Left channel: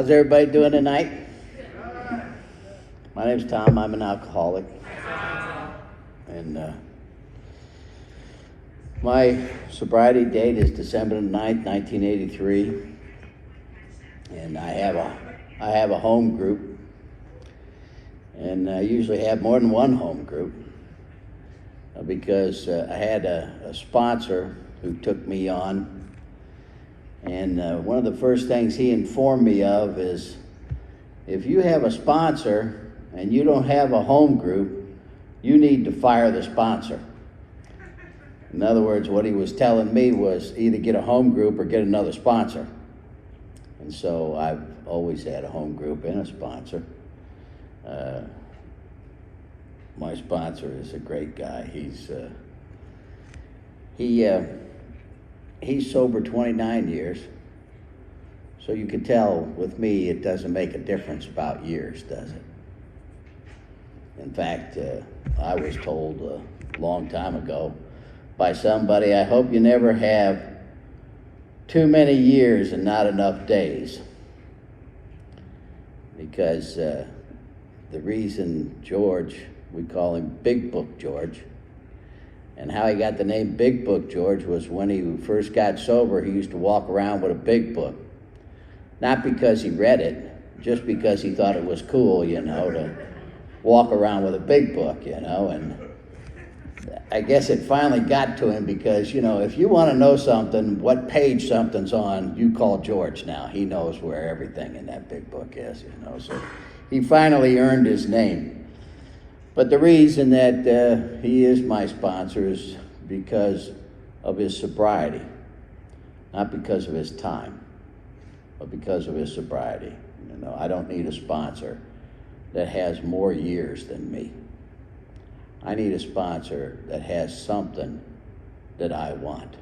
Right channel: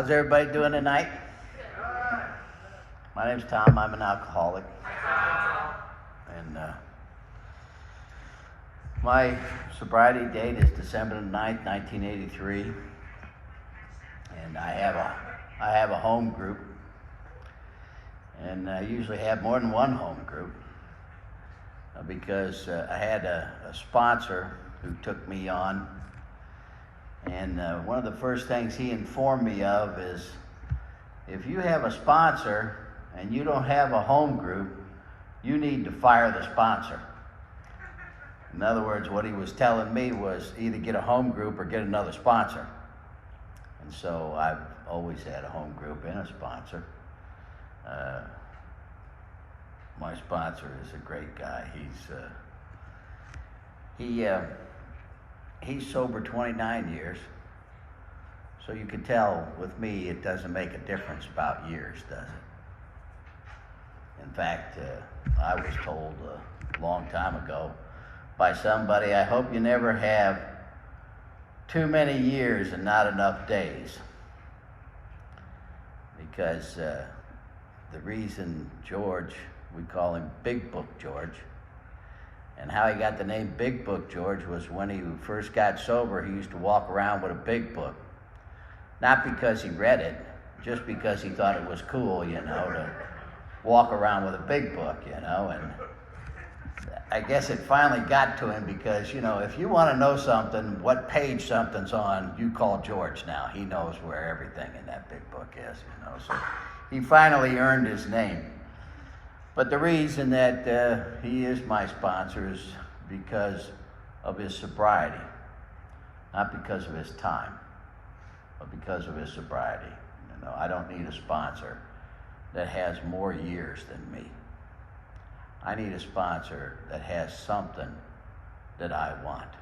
How's everybody doing tonight? My name's Tom. I'm an alcoholic. And my sobriety date is December 9th, 1983. And I have a home group. And I usually have more than one home group because I had a sponsor who took me on. And one of the first things he informed me of is, if you have a sponsor and you don't have a home group, you need to fire the sponsor. In other words, what he was telling me was either get a home group or get another sponsor. And so I've always had a home group and a sponsor. My sponsor is a great guy. He's sober 29 years, so you can tell with me it doesn't make a difference about years, does it? In fact, I was told a long time ago by somebody, I hope you never have too many years and not enough days. Because the reason George, we call him Big Book George, and how he got the name Big Book George was when he first got sober, he used to walk around with a big book. Not because he read it, just because he thought it was cool, to walk around with a big book, and I guess it finally got to him because, if you want to know something, what page something's on, you call George now. He knows where everything in that big book is, so he finally earned his name. But the reason that he is my sponsor is because of his sobriety, not because of his time, but because of his sobriety. I don't need a sponsor that has more years than me. I need a sponsor that has something that I want.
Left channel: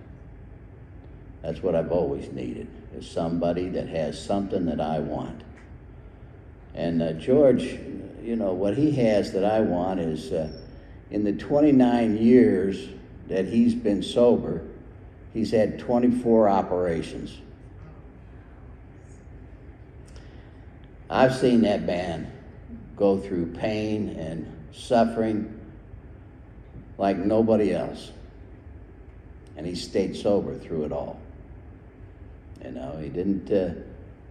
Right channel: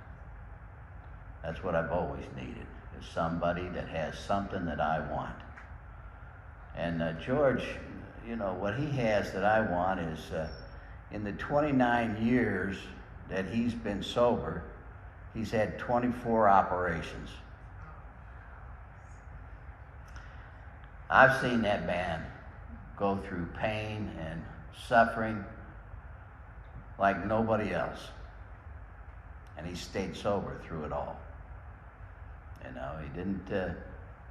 That's what I've always needed, is somebody that has something that I want. And George, what he has that I want is in the 29 years that he's been sober, he's had 24 operations. I've seen that man go through pain and suffering like nobody else. And he stayed sober through it all. He didn't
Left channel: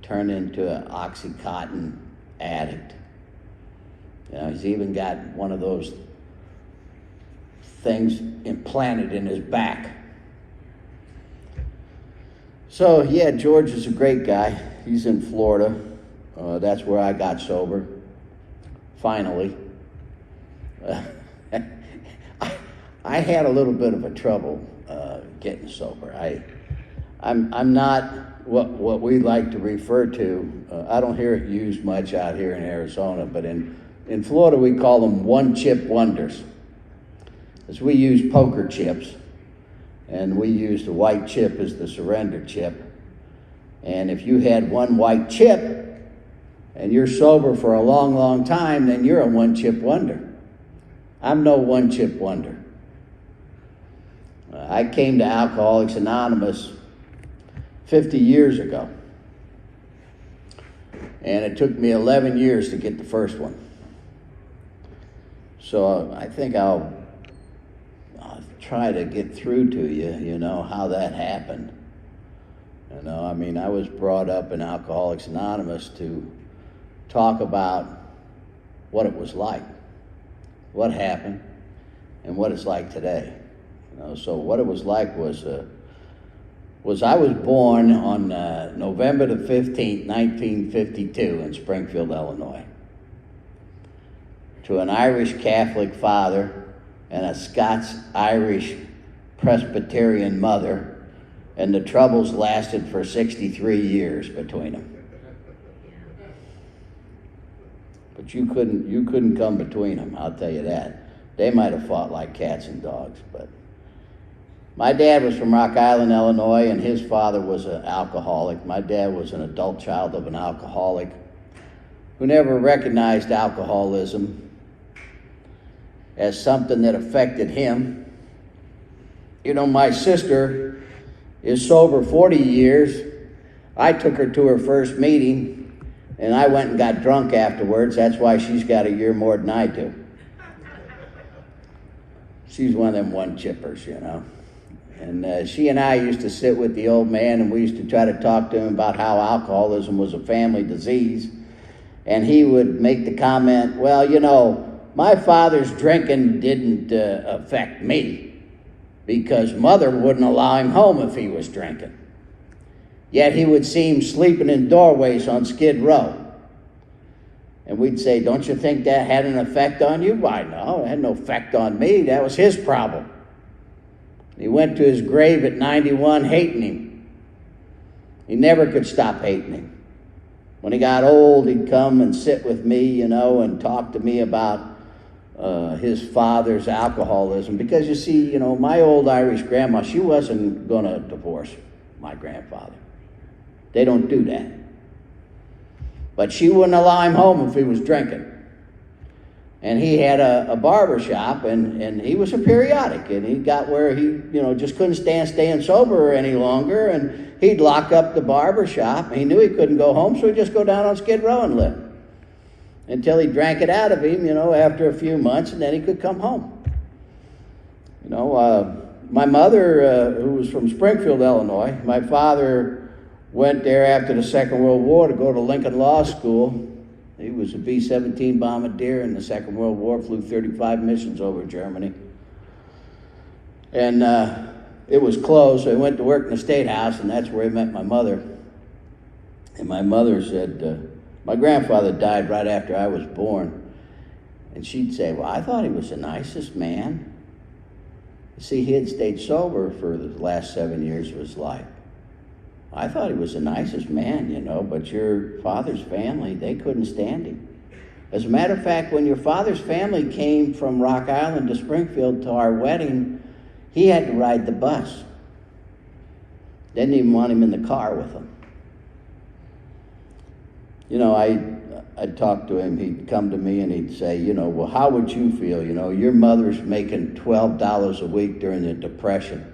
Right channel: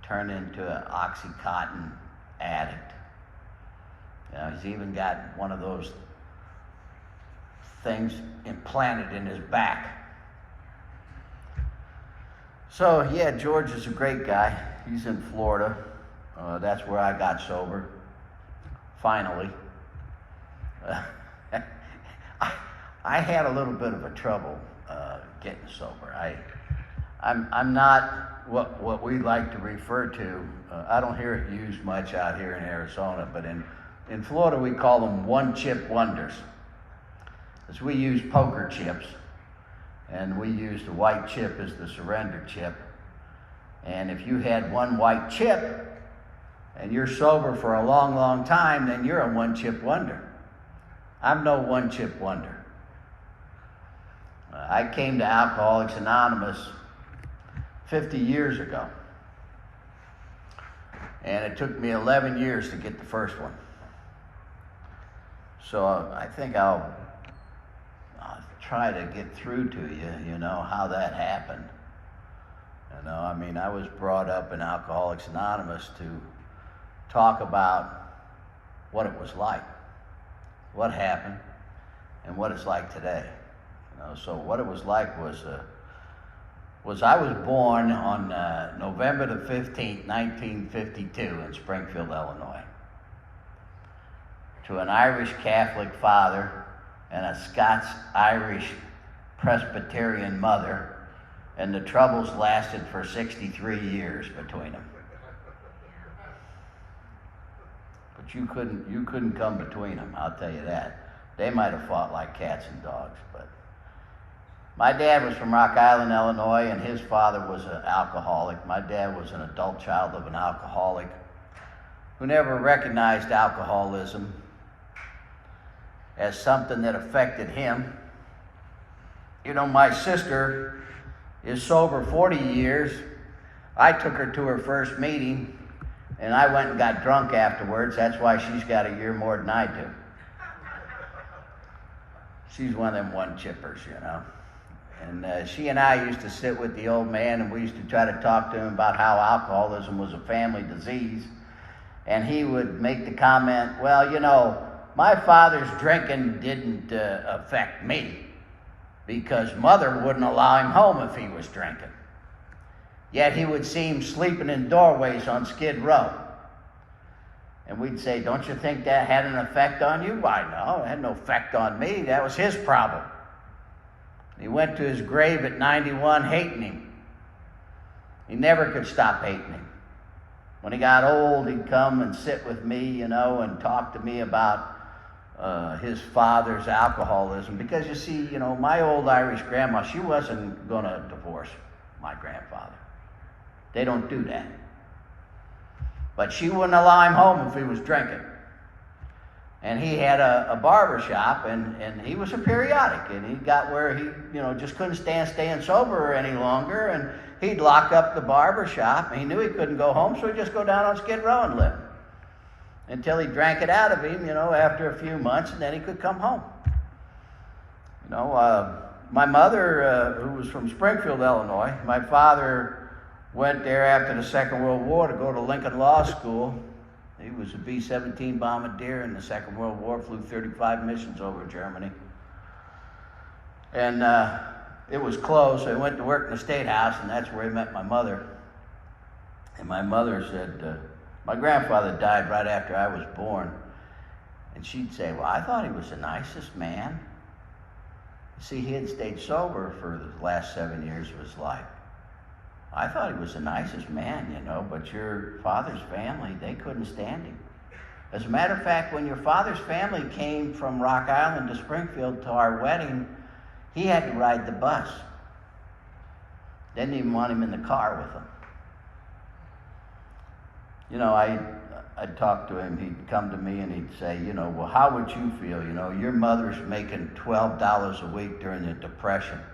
turn into an Oxycontin addict. He's even got one of those things implanted in his back. So yeah, George is a great guy. He's in Florida. That's where I got sober, finally. I had a little bit of a trouble getting sober. I'm not what we like to refer to. I don't hear it used much out here in Arizona, but in Florida we call them one-chip wonders. As we use poker chips, and we use the white chip as the surrender chip. And if you had one white chip, and you're sober for a long, long time, then you're a one-chip wonder. I'm no one-chip wonder. I came to Alcoholics Anonymous 50 years ago. And it took me 11 years to get the first one. So I think I'll try to get through to you, how that happened. I was brought up in Alcoholics Anonymous to talk about what it was like, what happened, and what it's like today. So what it was like was I was born on November the 15th, 1952 in Springfield, Illinois, to an Irish Catholic father and a Scots-Irish Presbyterian mother, and the troubles lasted for 63 years between them. But you couldn't come between them, I'll tell you that. They might have fought like cats and dogs, but my dad was from Rock Island, Illinois, and his father was an alcoholic. My dad was an adult child of an alcoholic who never recognized alcoholism as something that affected him. My sister is sober 40 years. I took her to her first meeting And I went and got drunk afterwards. That's why she's got a year more than I do. She's one of them one-chippers, you know. And she and I used to sit with the old man, and we used to try to talk to him about how alcoholism was a family disease. And he would make the comment, well, you know, my father's drinking didn't affect me because mother wouldn't allow him home if he was drinking. Yet he would see him sleeping in doorways on Skid Row. And we'd say, don't you think that had an effect on you? Why, no, it had no effect on me. That was his problem. He went to his grave at 91 hating him. He never could stop hating him. When he got old, he'd come and sit with me, you know, and talk to me about his father's alcoholism. Because you see, you know, my old Irish grandma, she wasn't going to divorce my grandfather. They don't do that. But she wouldn't allow him home if he was drinking. And he had a barber shop, and he was a periodic, and he got where he, you know, just couldn't stand staying sober any longer, and he'd lock up the barber shop. He knew he couldn't go home, so he'd just go down on Skid Row and live until he drank it out of him, you know, after a few months, and then he could come home. You know, my mother, who was from Springfield, Illinois, my father went there after the Second World War to go to Lincoln Law School. He was a B-17 bombardier in the Second World War, flew 35 missions over Germany. And it was closed, so he went to work in the State House, and that's where he met my mother. And my mother said, my grandfather died right after I was born. And she'd say, well, I thought he was the nicest man. You see, he had stayed sober for the last 7 years of his life. I thought he was the nicest man, you know, but your father's family, they couldn't stand him. As a matter of fact, when your father's family came from Rock Island to Springfield to our wedding, he had to ride the bus. They didn't even want him in the car with them. You know, I'd talk to him, he'd come to me and he'd say, you know, well, how would you feel? You know, your mother's making $12 a week during the Depression.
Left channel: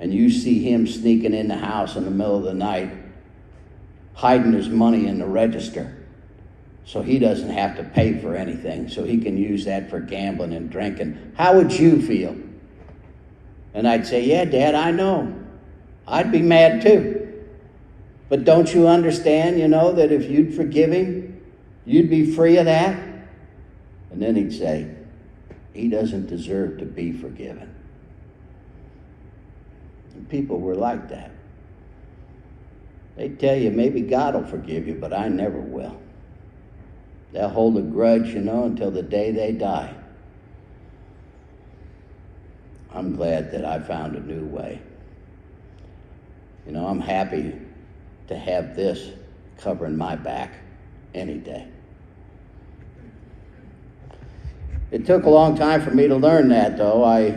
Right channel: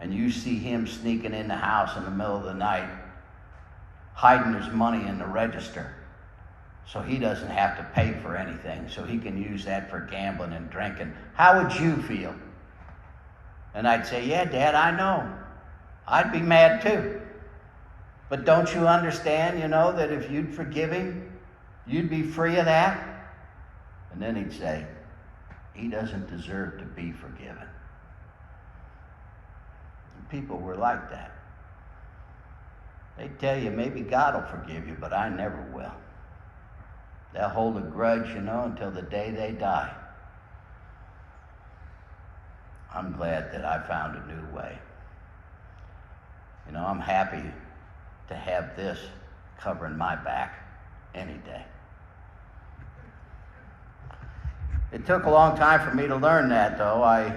And you see him sneaking in the house in the middle of the night, hiding his money in the register so he doesn't have to pay for anything, so he can use that for gambling and drinking. How would you feel? And I'd say, yeah, Dad, I know. I'd be mad too. But don't you understand, you know, that if you'd forgive him, you'd be free of that? And then he'd say, he doesn't deserve to be forgiven. People were like that. They tell you maybe God will forgive you, but I never will. They'll hold a grudge, you know, until the day they die. I'm glad that I found a new way. You know, I'm happy to have this covering my back any day. It took a long time for me to learn that, though. I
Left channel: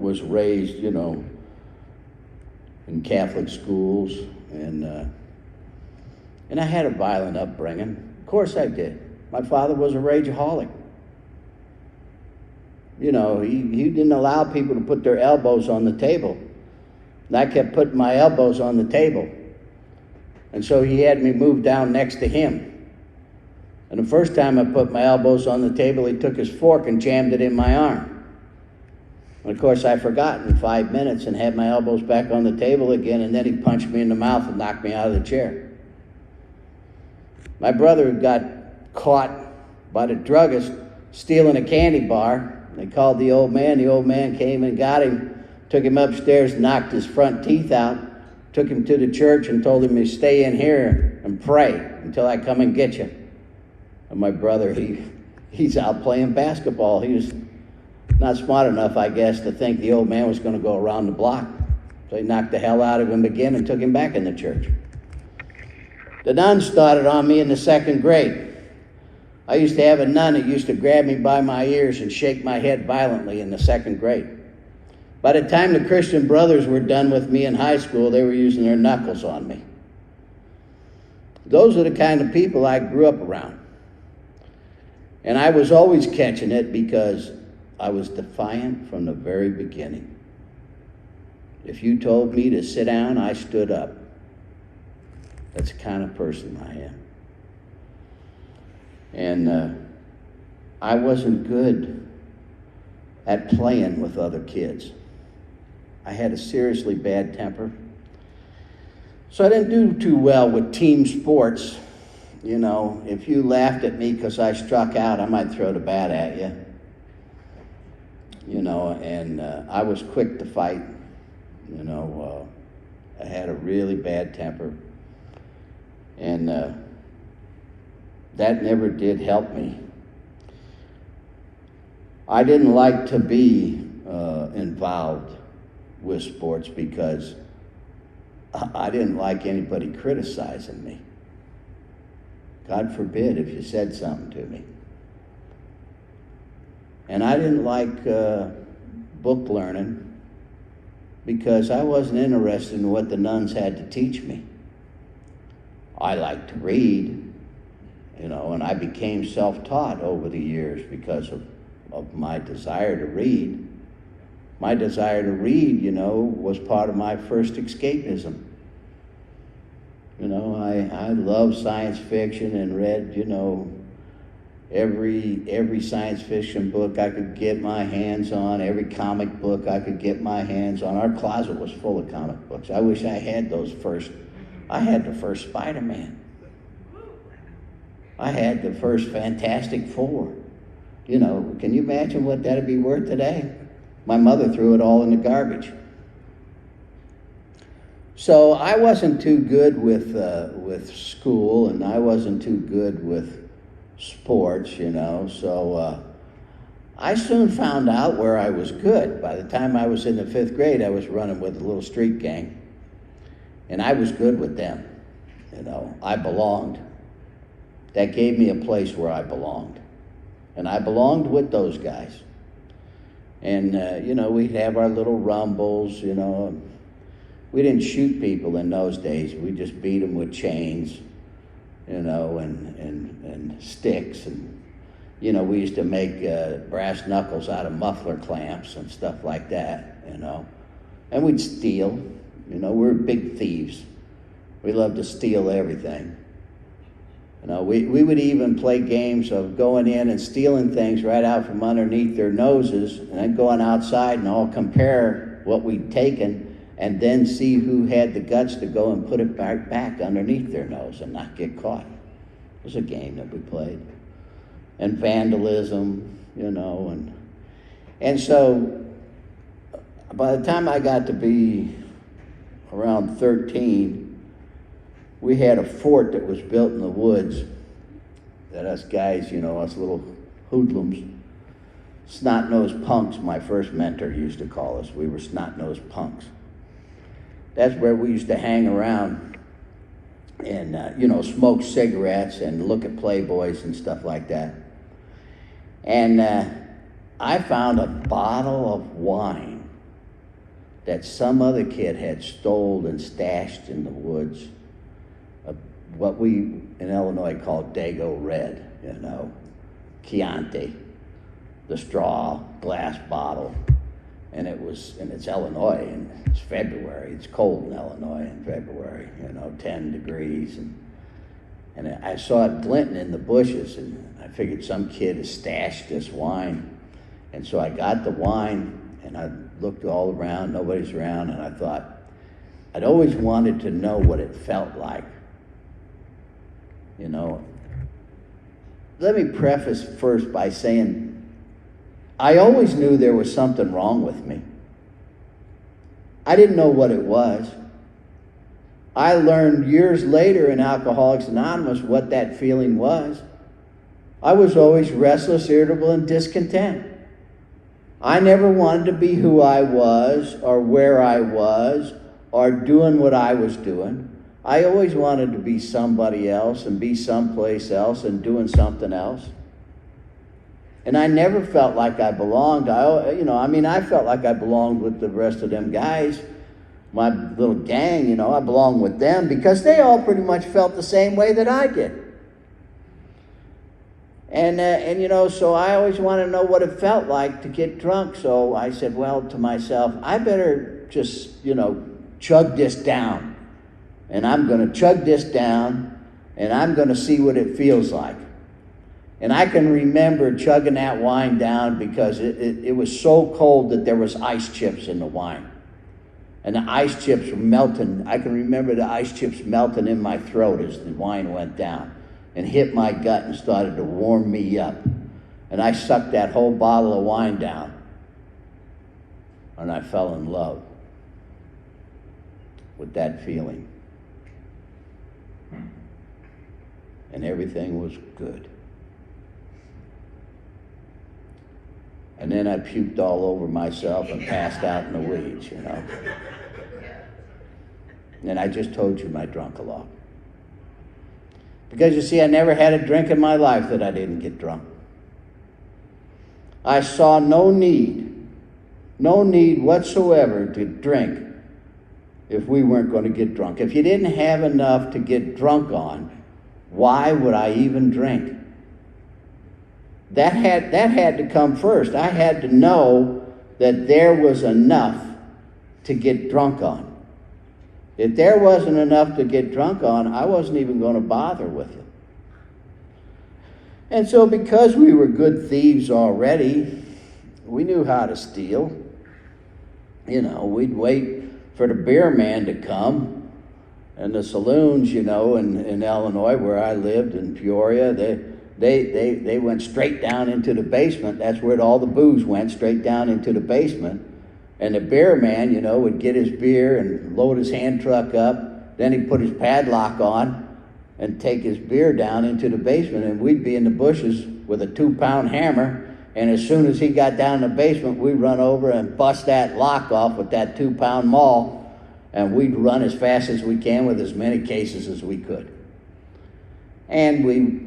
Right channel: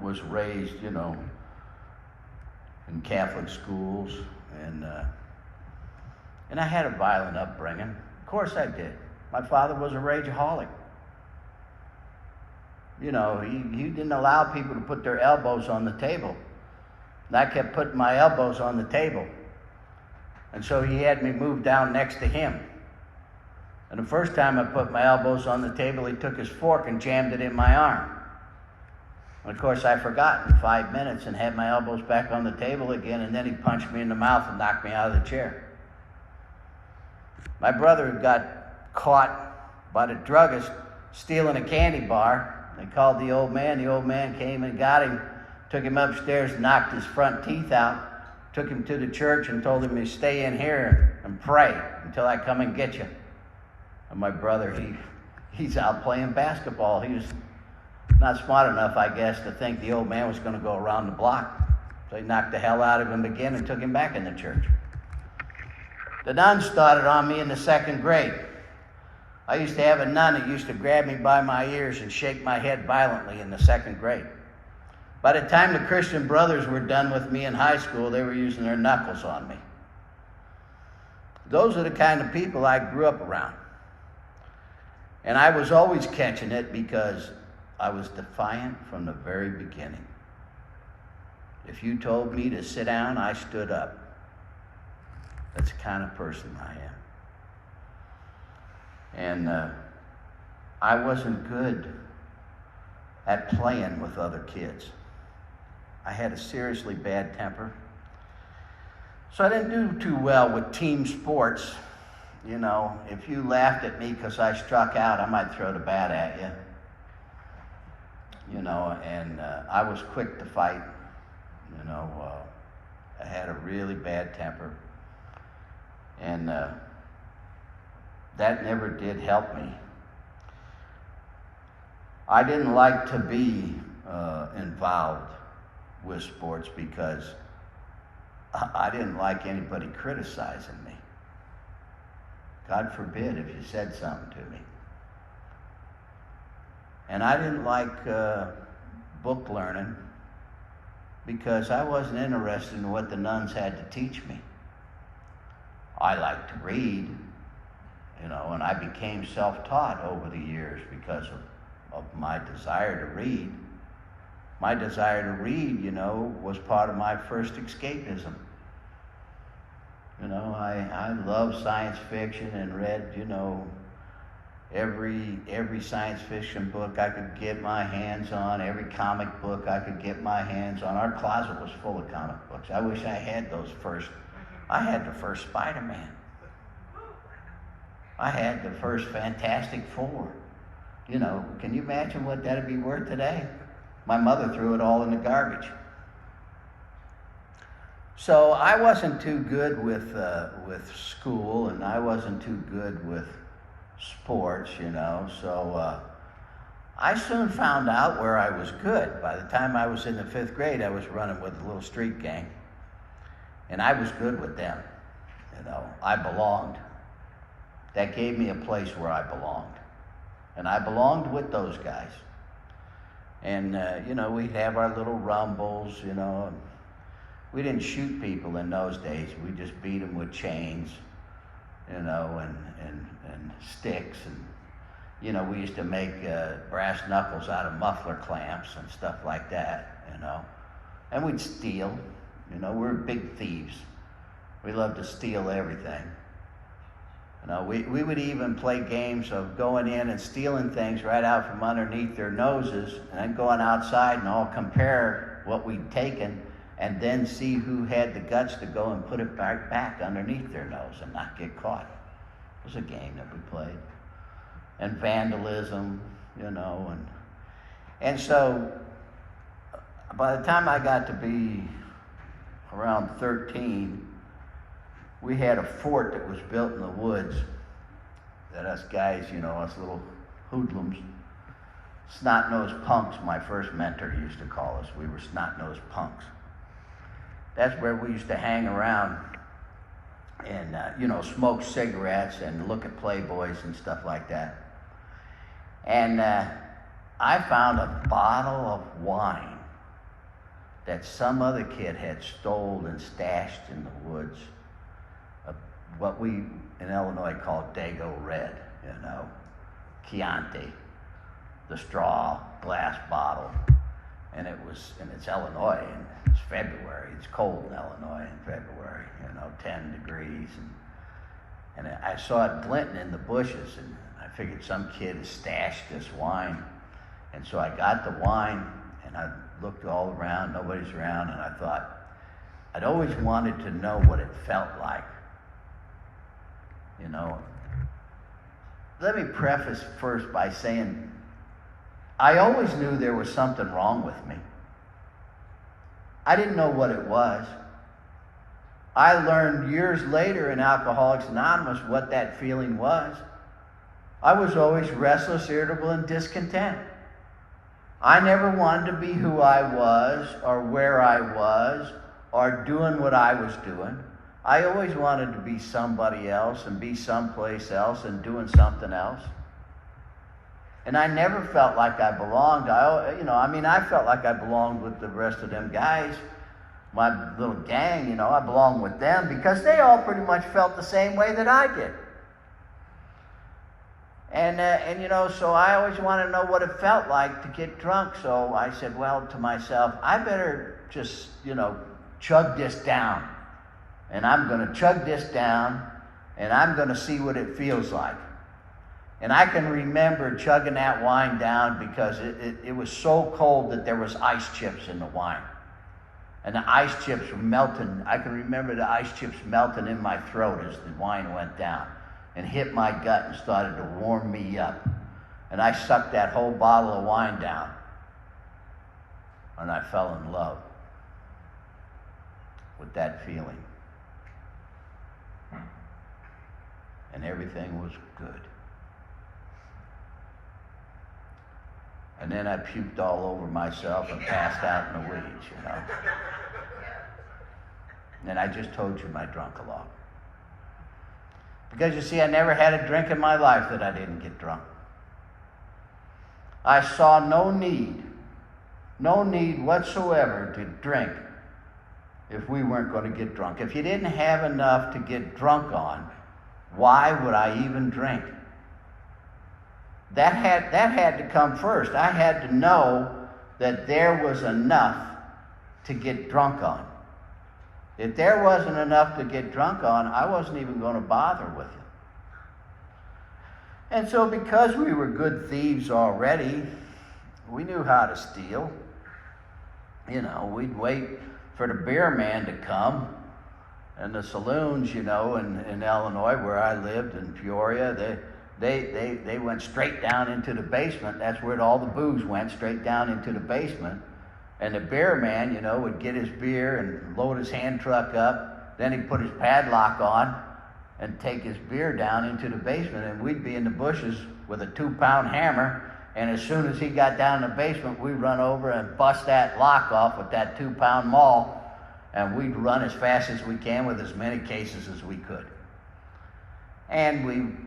was raised, you know, in Catholic schools, and I had a violent upbringing. Of course I did. My father was a rageaholic. You know, he didn't allow people to put their elbows on the table. And I kept putting my elbows on the table. And so he had me move down next to him. And the first time I put my elbows on the table, he took his fork and jammed it in my arm. And of course, I forgot in 5 minutes and had my elbows back on the table again, and then he punched me in the mouth and knocked me out of the chair. My brother got caught by the druggist stealing a candy bar. They called the old man. The old man came and got him, took him upstairs, knocked his front teeth out, took him to the church and told him to stay in here and pray until I come and get you. And my brother, he's out playing basketball. He was not smart enough, I guess, to think the old man was going to go around the block. So he knocked the hell out of him again and took him back in the church. The nuns started on me in the 2nd grade. I used to have a nun that used to grab me by my ears and shake my head violently in the 2nd grade. By the time the Christian Brothers were done with me in high school, they were using their knuckles on me. Those are the kind of people I grew up around. And I was always catching it because I was defiant from the very beginning. If you told me to sit down, I stood up. That's the kind of person I am. And I wasn't good at playing with other kids. I had a seriously bad temper. So I didn't do too well with team sports. You know, if you laughed at me because I struck out, I might throw the bat at you. You know, and I was quick to fight. You know, I had a really bad temper. And that never did help me. I didn't like to be involved with sports because I didn't like anybody criticizing me. God forbid if you said something to me. And I didn't like book learning because I wasn't interested in what the nuns had to teach me. I liked to read, you know, and I became self-taught over the years because of my desire to read. My desire to read, you know, was part of my first escapism. You know, I love science fiction and read, you know, every science fiction book I could get my hands on, every comic book I could get my hands on. Our closet was full of comic books. I wish I had those first. I had the first Spider-Man. I had the first Fantastic Four. You know, can you imagine what that'd be worth today? My mother threw it all in the garbage. So I wasn't too good with school, and I wasn't too good with sports, you know. So I soon found out where I was good. By the time I was in the 5th grade, I was running with a little street gang, and I was good with them. You know, I belonged. That gave me a place where I belonged, and I belonged with those guys. And you know, we'd have our little rumbles, you know. We didn't shoot people in those days. We just beat them with chains, you know, and sticks. And, you know, we used to make brass knuckles out of muffler clamps and stuff like that, you know. And we'd steal. You know, we were big thieves. We loved to steal everything. You know, we would even play games of going in and stealing things right out from underneath their noses and then going outside and all compare what we'd taken and then see who had the guts to go and put it back underneath their nose and not get caught. It was a game that we played. And vandalism, you know, and so by the time I got to be around 13, we had a fort that was built in the woods that us guys, you know, us little hoodlums, snot-nosed punks, my first mentor used to call us. We were snot-nosed punks. That's where we used to hang around and, you know, smoke cigarettes and look at Playboys and stuff like that. And I found a bottle of wine that some other kid had stole and stashed in the woods. What we in Illinois call Dago Red, you know, Chianti, the straw glass bottle. And it's Illinois, and it's February. It's cold in Illinois in February, you know, 10 degrees. And I saw it glinting in the bushes, and I figured some kid has stashed this wine. And so I got the wine, and I looked all around, nobody's around, and I thought, I'd always wanted to know what it felt like. You know, let me preface first by saying, I always knew there was something wrong with me. I didn't know what it was. I learned years later in Alcoholics Anonymous what that feeling was. I was always restless, irritable, and discontent. I never wanted to be who I was or where I was or doing what I was doing. I always wanted to be somebody else and be someplace else and doing something else. And I never felt like I belonged. I felt like I belonged with the rest of them guys, my little gang, you know, I belonged with them because they all pretty much felt the same way that I did. And you know, so I always wanted to know what it felt like to get drunk. So I said, well, to myself, I better just, you know, chug this down and I'm going to chug this down, and I'm going to see what it feels like. And I can remember chugging that wine down because it was so cold that there was ice chips in the wine. And the ice chips were melting. I can remember the ice chips melting in my throat as the wine went down and hit my gut and started to warm me up. And I sucked that whole bottle of wine down, and I fell in love with that feeling. And everything was good. And then I puked all over myself and passed out in the weeds, you know. And I just told you my drunk-a-love. Because you see, I never had a drink in my life that I didn't get drunk. I saw no need whatsoever to drink if we weren't going to get drunk. If you didn't have enough to get drunk on, why would I even drink? That had to come first. I had to know that there was enough to get drunk on. If there wasn't enough to get drunk on, I wasn't even going to bother with it. And so because we were good thieves already, we knew how to steal. You know, we'd wait for the beer man to come. And the saloons, you know, in Illinois, where I lived, in Peoria, they went straight down into the basement. That's where all the booze went, straight down into the basement. And the beer man, you know, would get his beer and load his hand truck up. Then he'd put his padlock on and take his beer down into the basement. And we'd be in the bushes with a 2-pound hammer. And as soon as he got down in the basement, we'd run over and bust that lock off with that 2-pound maul. And we'd run as fast as we can with as many cases as we could. And we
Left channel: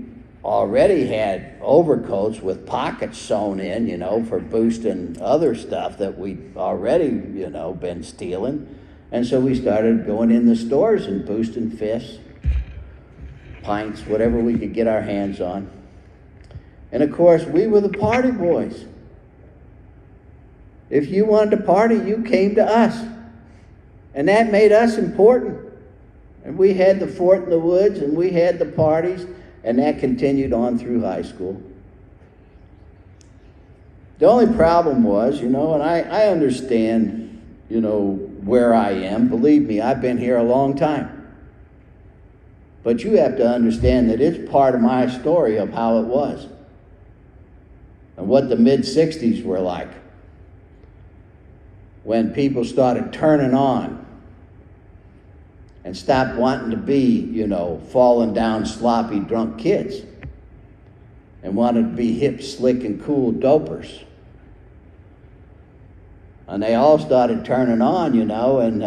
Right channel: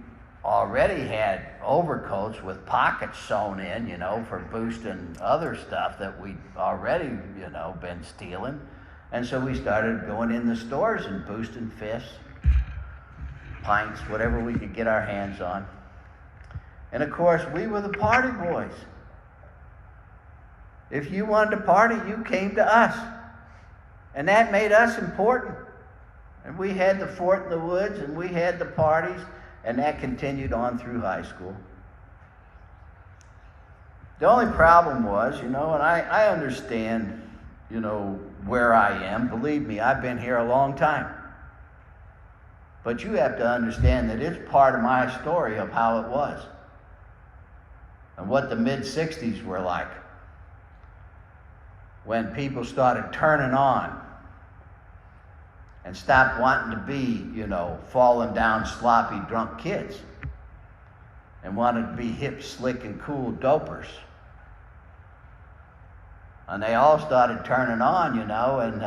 already had overcoats with pockets sewn in, you know, for boosting other stuff that we'd already, you know, been stealing. And so we started going in the stores and boosting fists, pints, whatever we could get our hands on. And of course, we were the party boys. If you wanted to party, you came to us. And that made us important. And we had the fort in the woods, and we had the parties, and that continued on through high school. The only problem was, you know, and I understand, you know, where I am. Believe me, I've been here a long time. But you have to understand that it's part of my story of how it was. And what the mid-'60s were like. When people started turning on and stopped wanting to be, you know, falling down sloppy drunk kids and wanted to be hip, slick, and cool dopers. And they all started turning on, you know, and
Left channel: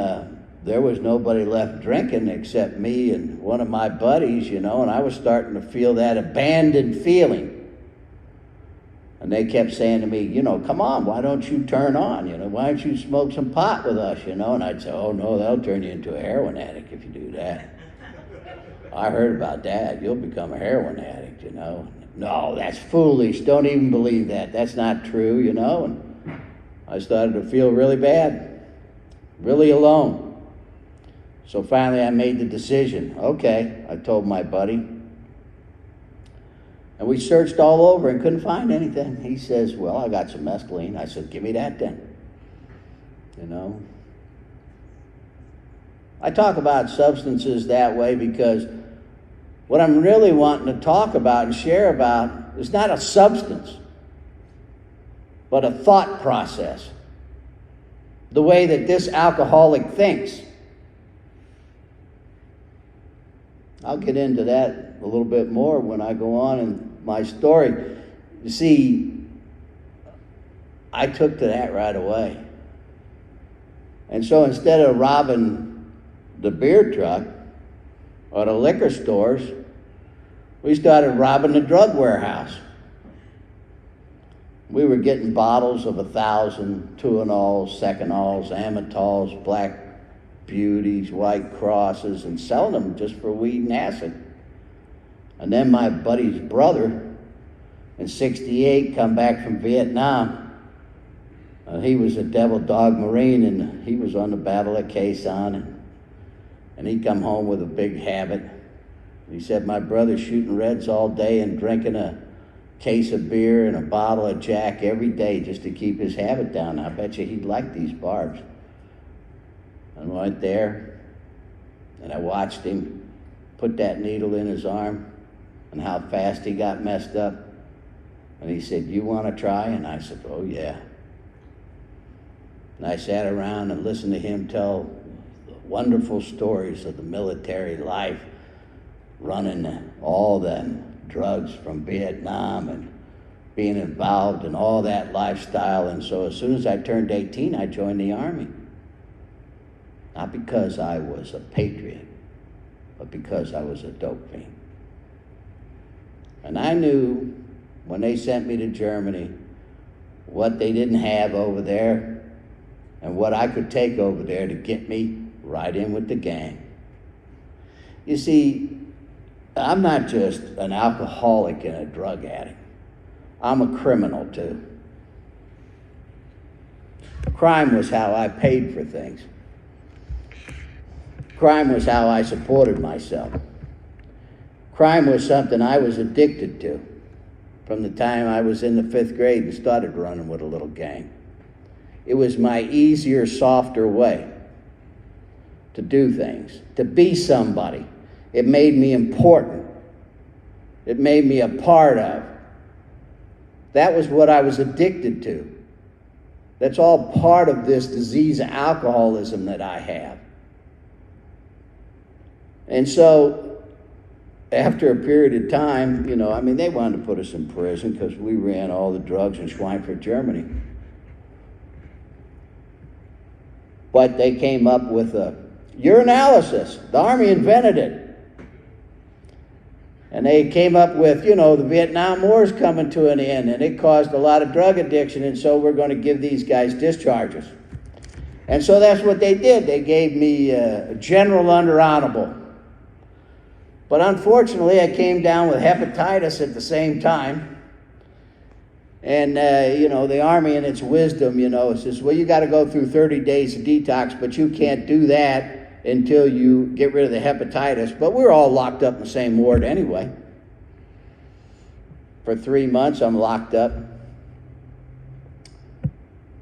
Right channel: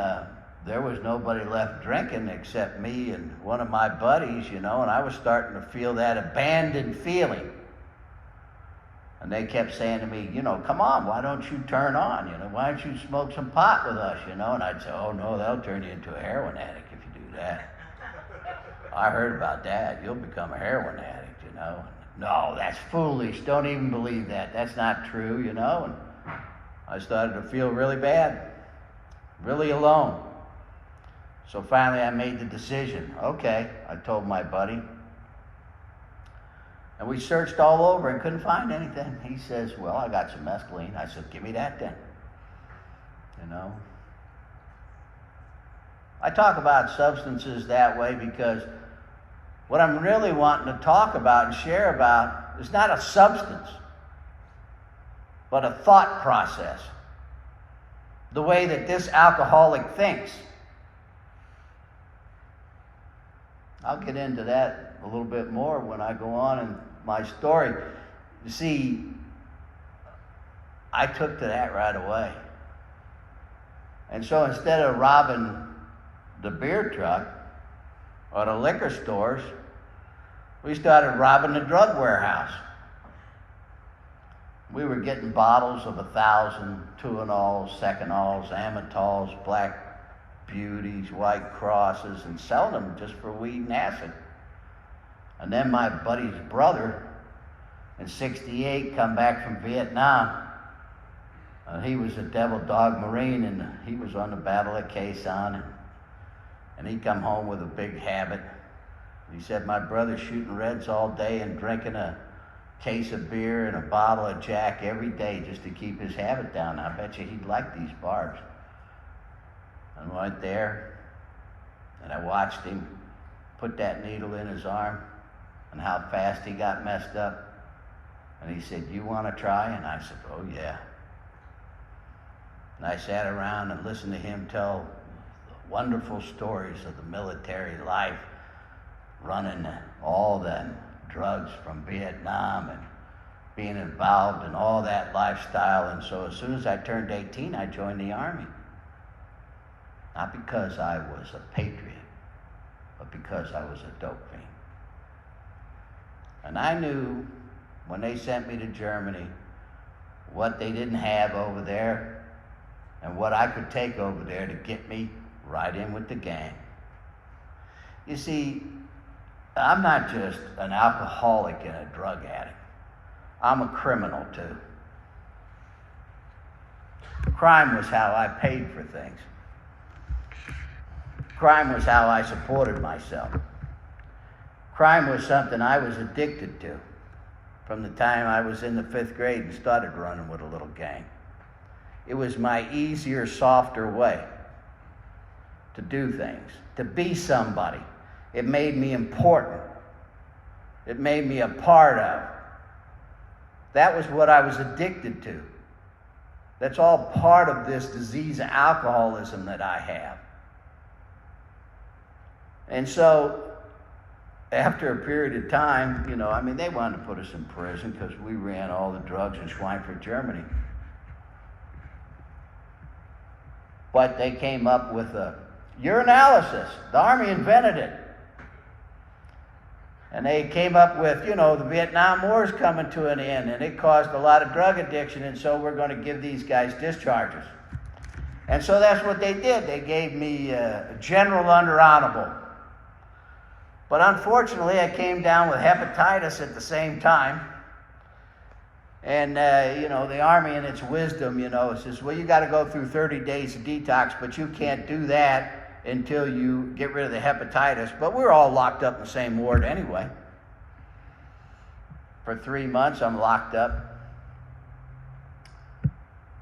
there was nobody left drinking except me and one of my buddies, you know, and I was starting to feel that abandoned feeling. And they kept saying to me, you know, come on, why don't you turn on? You know, why don't you smoke some pot with us, you know? And I'd say, oh, no, that'll turn you into a heroin addict if you do that. I heard about that. You'll become a heroin addict, you know. No, that's foolish. Don't even believe that. That's not true, you know. And I started to feel really bad, really alone. So finally I made the decision. Okay, I told my buddy. And we searched all over and couldn't find anything. He says, well, I got some mescaline. I said, give me that then. You know. I talk about substances that way because what I'm really wanting to talk about and share about is not a substance, but a thought process. The way that this alcoholic thinks. I'll get into that a little bit more when I go on in my story. You see, I took to that right away. And so instead of robbing the beer truck or the liquor stores, we started robbing the drug warehouse. We were getting bottles of 1,000 Tuinals, Seconals, Amatols, Black Beauties, White Crosses, and selling them just for weed and acid. And then my buddy's brother in '68 come back from Vietnam. And he was a Devil Dog Marine, and he was on the Battle of Quezon. And he'd come home with a big habit. He said, my brother's shooting reds all day and drinking a case of beer and a bottle of Jack every day just to keep his habit down. I bet you he'd like these barbs. And I went there, and I watched him put that needle in his arm and how fast he got messed up. And he said, you want to try? And I said, oh yeah. And I sat around and listened to him tell wonderful stories of the military life, running all the drugs from Vietnam and being involved in all that lifestyle. And so as soon as I turned 18, I joined the Army. Not because I was a patriot, but because I was a dope fiend. And I knew when they sent me to Germany what they didn't have over there and what I could take over there to get me right in with the gang. You see, I'm not just an alcoholic and a drug addict. I'm a criminal too. Crime was how I paid for things. Crime was how I supported myself. Crime was something I was addicted to from the time I was in the 5th grade and started running with a little gang. It was my easier, softer way to do things, to be somebody. It made me important. It made me a part of. That was what I was addicted to. That's all part of this disease of alcoholism that I have. And so, after a period of time, they wanted to put us in prison because we ran all the drugs in Schweinfurt, Germany. But they came up with a urinalysis. The Army invented it. And they came up with, the Vietnam War's coming to an end, and it caused a lot of drug addiction, and so we're going to give these guys discharges. And so that's what they did. They gave me general under honorable. But unfortunately, I came down with hepatitis at the same time. And, the Army in its wisdom, says, well, you got to go through 30 days of detox, but you can't do that until you get rid of the hepatitis. But we're all locked up in the same ward anyway. For 3 months, I'm locked up.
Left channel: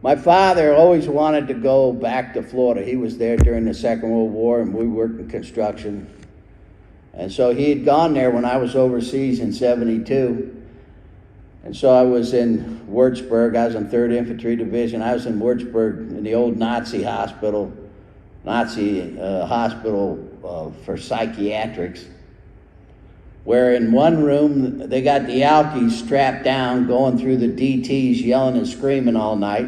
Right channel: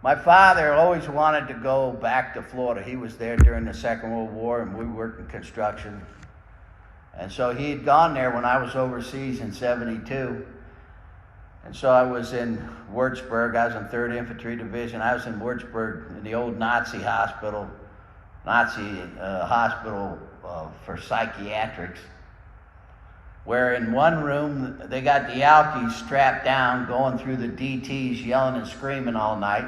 My father always wanted to go back to Florida. He was there during the Second World War, and we worked in construction. And so he had gone there when I was overseas in 72. And so I was in Würzburg. I was in 3rd Infantry Division. I was in Würzburg in the old Nazi hospital for psychiatrics, where in one room they got the alkies strapped down going through the DTs yelling and screaming all night.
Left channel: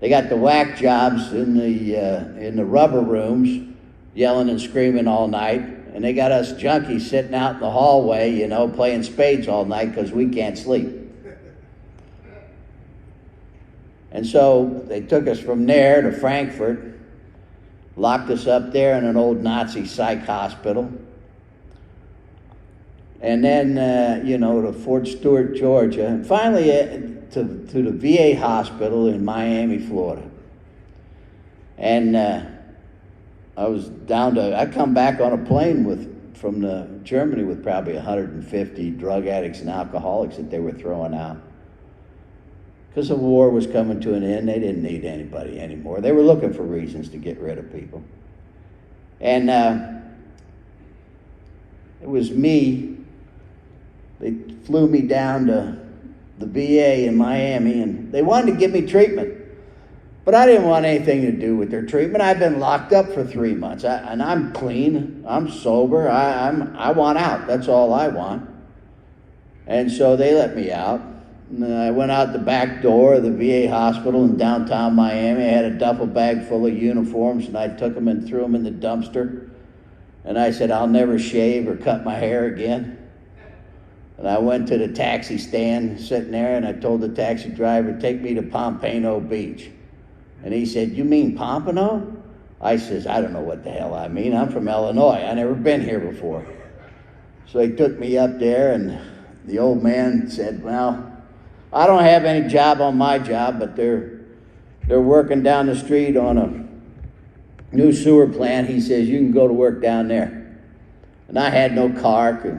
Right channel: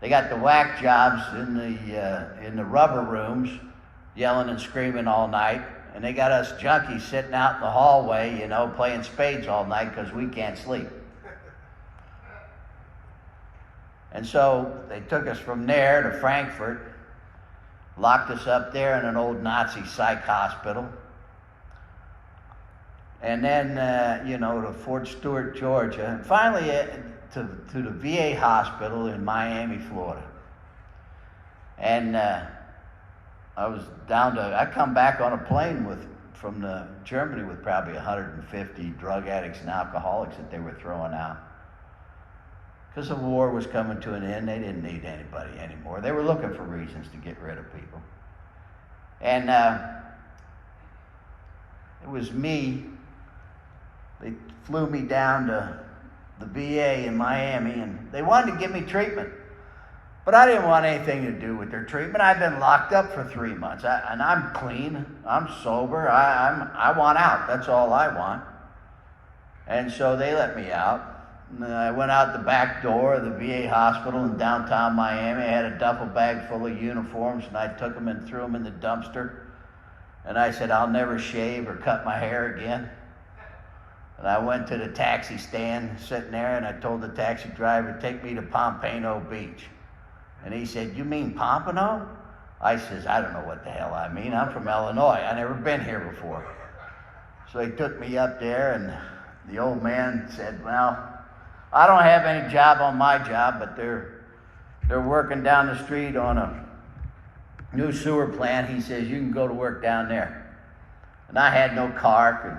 They got the whack jobs in the rubber rooms yelling and screaming all night. And they got us junkies sitting out in the hallway, playing spades all night because we can't sleep. And so they took us from there to Frankfurt, locked us up there in an old Nazi psych hospital. And then, to Fort Stewart, Georgia. And finally to the VA hospital in Miami, Florida. And I come back on a plane from Germany with probably 150 drug addicts and alcoholics that they were throwing out. Because the war was coming to an end, they didn't need anybody anymore. They were looking for reasons to get rid of people. And it was me. They flew me down to the VA in Miami, and they wanted to give me treatment. But I didn't want anything to do with their treatment. I've been locked up for 3 months, and I'm clean. I'm sober. I want out. That's all I want. And so they let me out. And I went out the back door of the VA hospital in downtown Miami. I had a duffel bag full of uniforms, and I took them and threw them in the dumpster. And I said, I'll never shave or cut my hair again. And I went to the taxi stand sitting there, and I told the taxi driver, take me to Pompano Beach. And he said, you mean Pompano? I says, I don't know what the hell I mean. I'm from Illinois. I never been here before. So he took me up there, and the old man said, well, I don't have any job on my job, but they're working down the street on new sewer plant. He says, you can go to work down there. And I had no car, 'cause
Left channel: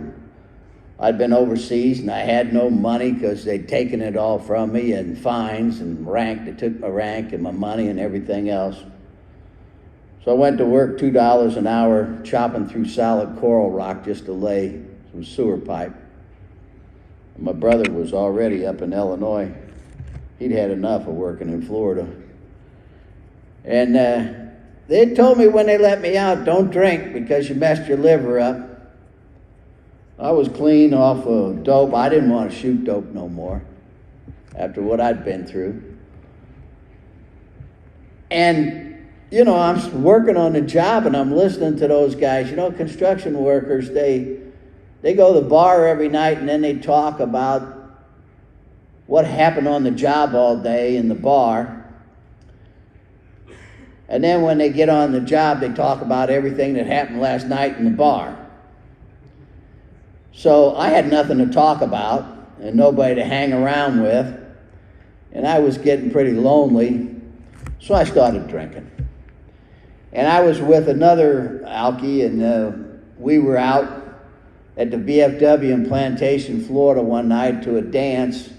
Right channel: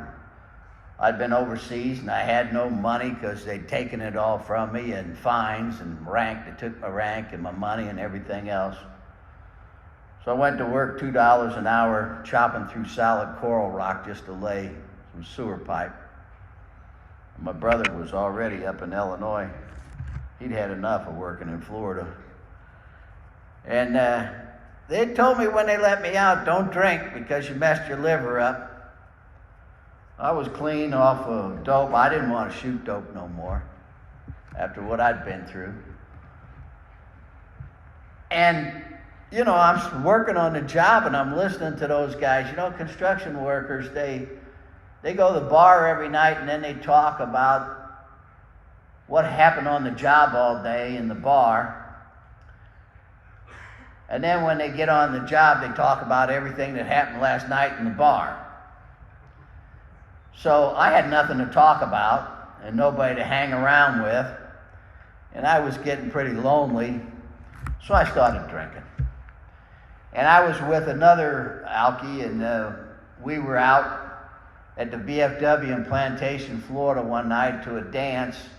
I'd been overseas, and I had no money because they'd taken it all from me, and fines and rank. They took my rank and my money and everything else. So I went to work $2 an hour chopping through solid coral rock just to lay some sewer pipe. And my brother was already up in Illinois. He'd had enough of working in Florida. And they told me when they let me out, don't drink because you messed your liver up. I was clean off of dope. I didn't want to shoot dope no more after what I'd been through. And, you know, I'm working on the job and I'm listening to those guys. You know, construction workers, they go to the bar every night and then they talk about what happened on the job all day in the bar. And then when they get on the job, they talk about everything that happened last night in the bar. So I had nothing to talk about and nobody to hang around with. And I was getting pretty lonely. So I started drinking. And I was with another alkie, and we were out at the VFW in Plantation, Florida one night to a dance.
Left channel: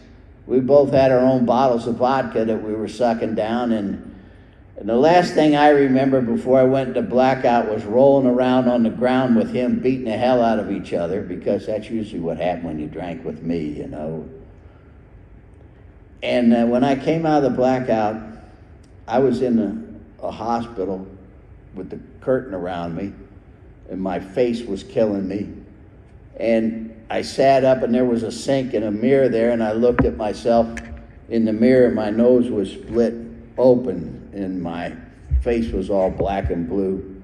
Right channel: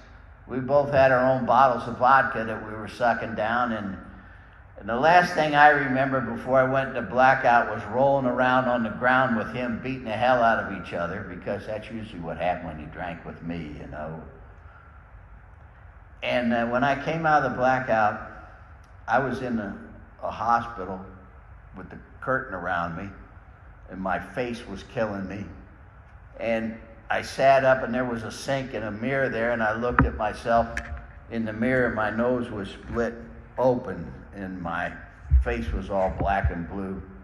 We both had our own bottles of vodka that we were sucking down, and the last thing I remember before I went into blackout was rolling around on the ground with him beating the hell out of each other, because that's usually what happened when you drank with me, you know. And when I came out of the blackout, I was in a hospital with the curtain around me, and my face was killing me. And I sat up, and there was a sink and a mirror there, and I looked at myself in the mirror. My nose was split open, and my face was all black and blue.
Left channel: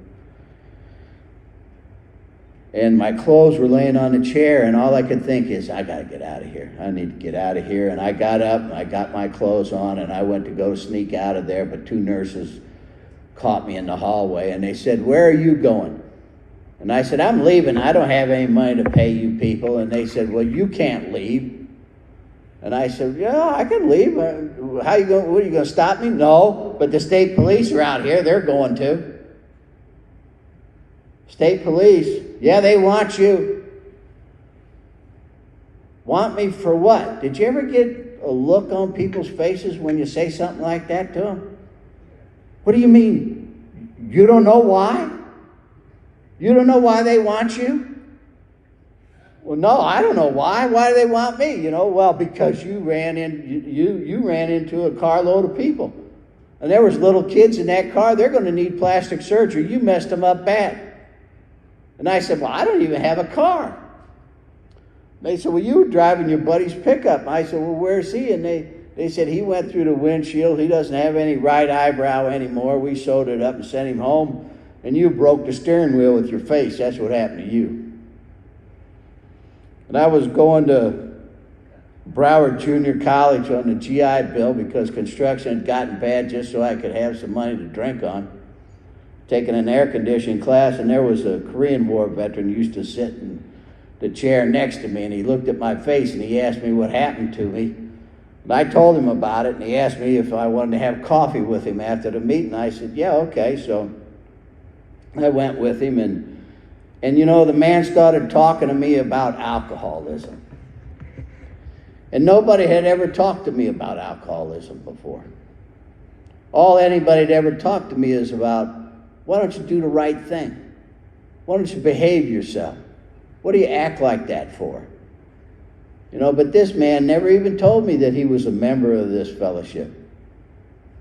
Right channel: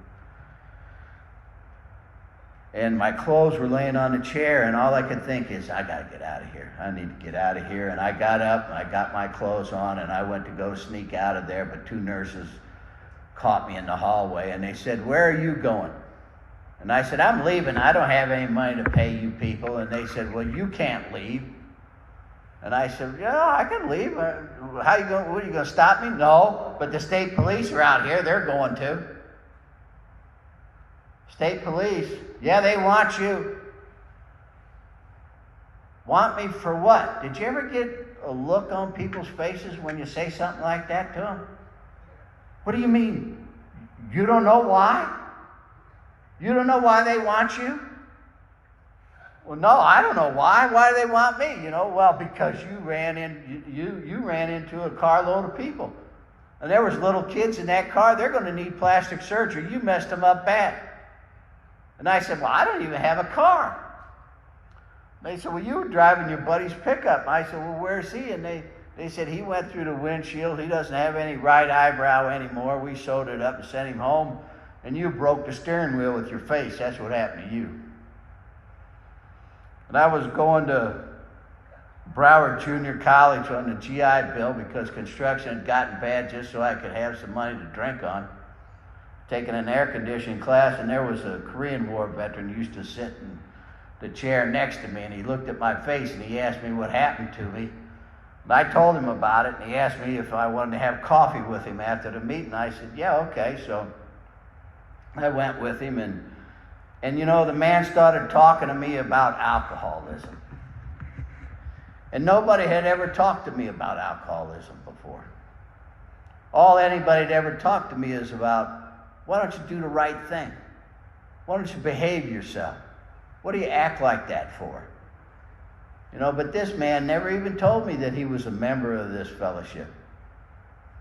And my clothes were laying on the chair, and all I could think is, I gotta get out of here. I need to get out of here. And I got up, and I got my clothes on, and I went to go sneak out of there, but two nurses caught me in the hallway, and they said, where are you going? And I said, I'm leaving. I don't have any money to pay you people. And they said, well, you can't leave. And I said, yeah, I can leave. How you going? What, are you going to stop me? No, but the state police are out here. They're going to. State police, yeah, they want you. Want me for what? Did you ever get a look on people's faces when you say something like that to them? What do you mean? You don't know why? You don't know why they want you? Well, no, I don't know why. Why do they want me? You know, well, because you ran into a carload of people. And there was little kids in that car. They're going to need plastic surgery. You messed them up bad. And I said, well, I don't even have a car. They said, well, you were driving your buddy's pickup. I said, well, where's he? And they said, he went through the windshield. He doesn't have any right eyebrow anymore. We sewed it up and sent him home. And you broke the steering wheel with your face. That's what happened to you. And I was going to Broward Junior College on the GI Bill because construction had gotten bad just so I could have some money to drink on. Taking an air conditioning class, and there was a Korean War veteran who used to sit in the chair next to me, and he looked at my face and he asked me what happened to me. And I told him about it, and he asked me if I wanted to have coffee with him after the meeting. I said, yeah, okay. So I went with him, and you know, the man started talking to me about alcoholism. And nobody had ever talked to me about alcoholism before. All anybody had ever talked to me is about, why don't you do the right thing? Why don't you behave yourself? What do you act like that for? You know, but this man never even told me that he was a member of this fellowship.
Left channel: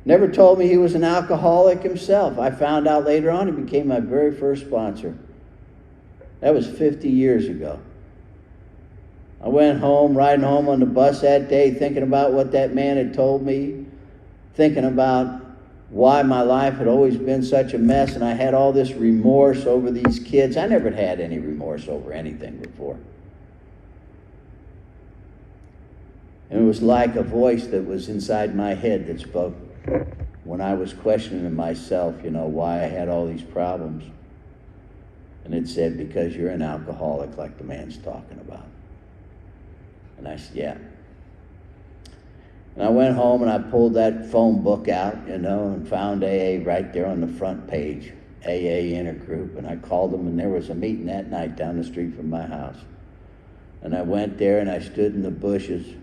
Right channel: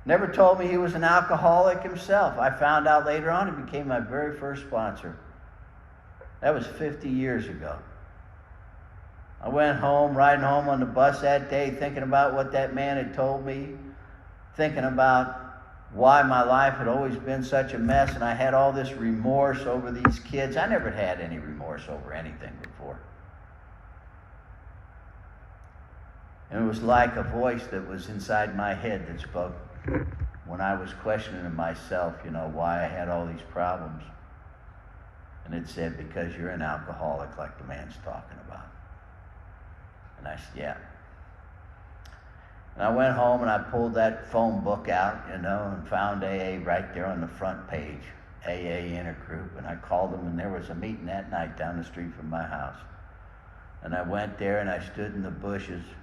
Never told me he was an alcoholic himself. I found out later on he became my very first sponsor. That was 50 years ago. I went home, riding home on the bus that day, thinking about what that man had told me, thinking about why my life had always been such a mess, and I had all this remorse over these kids. I never had any remorse over anything before. And it was like a voice that was inside my head that spoke when I was questioning myself, you know, why I had all these problems. And it said, because you're an alcoholic like the man's talking about. And I said, yeah. And I went home and I pulled that phone book out, you know, and found AA right there on the front page. AA intergroup, and I called them, and there was a meeting that night down the street from my house. And I went there, and I stood in the bushes,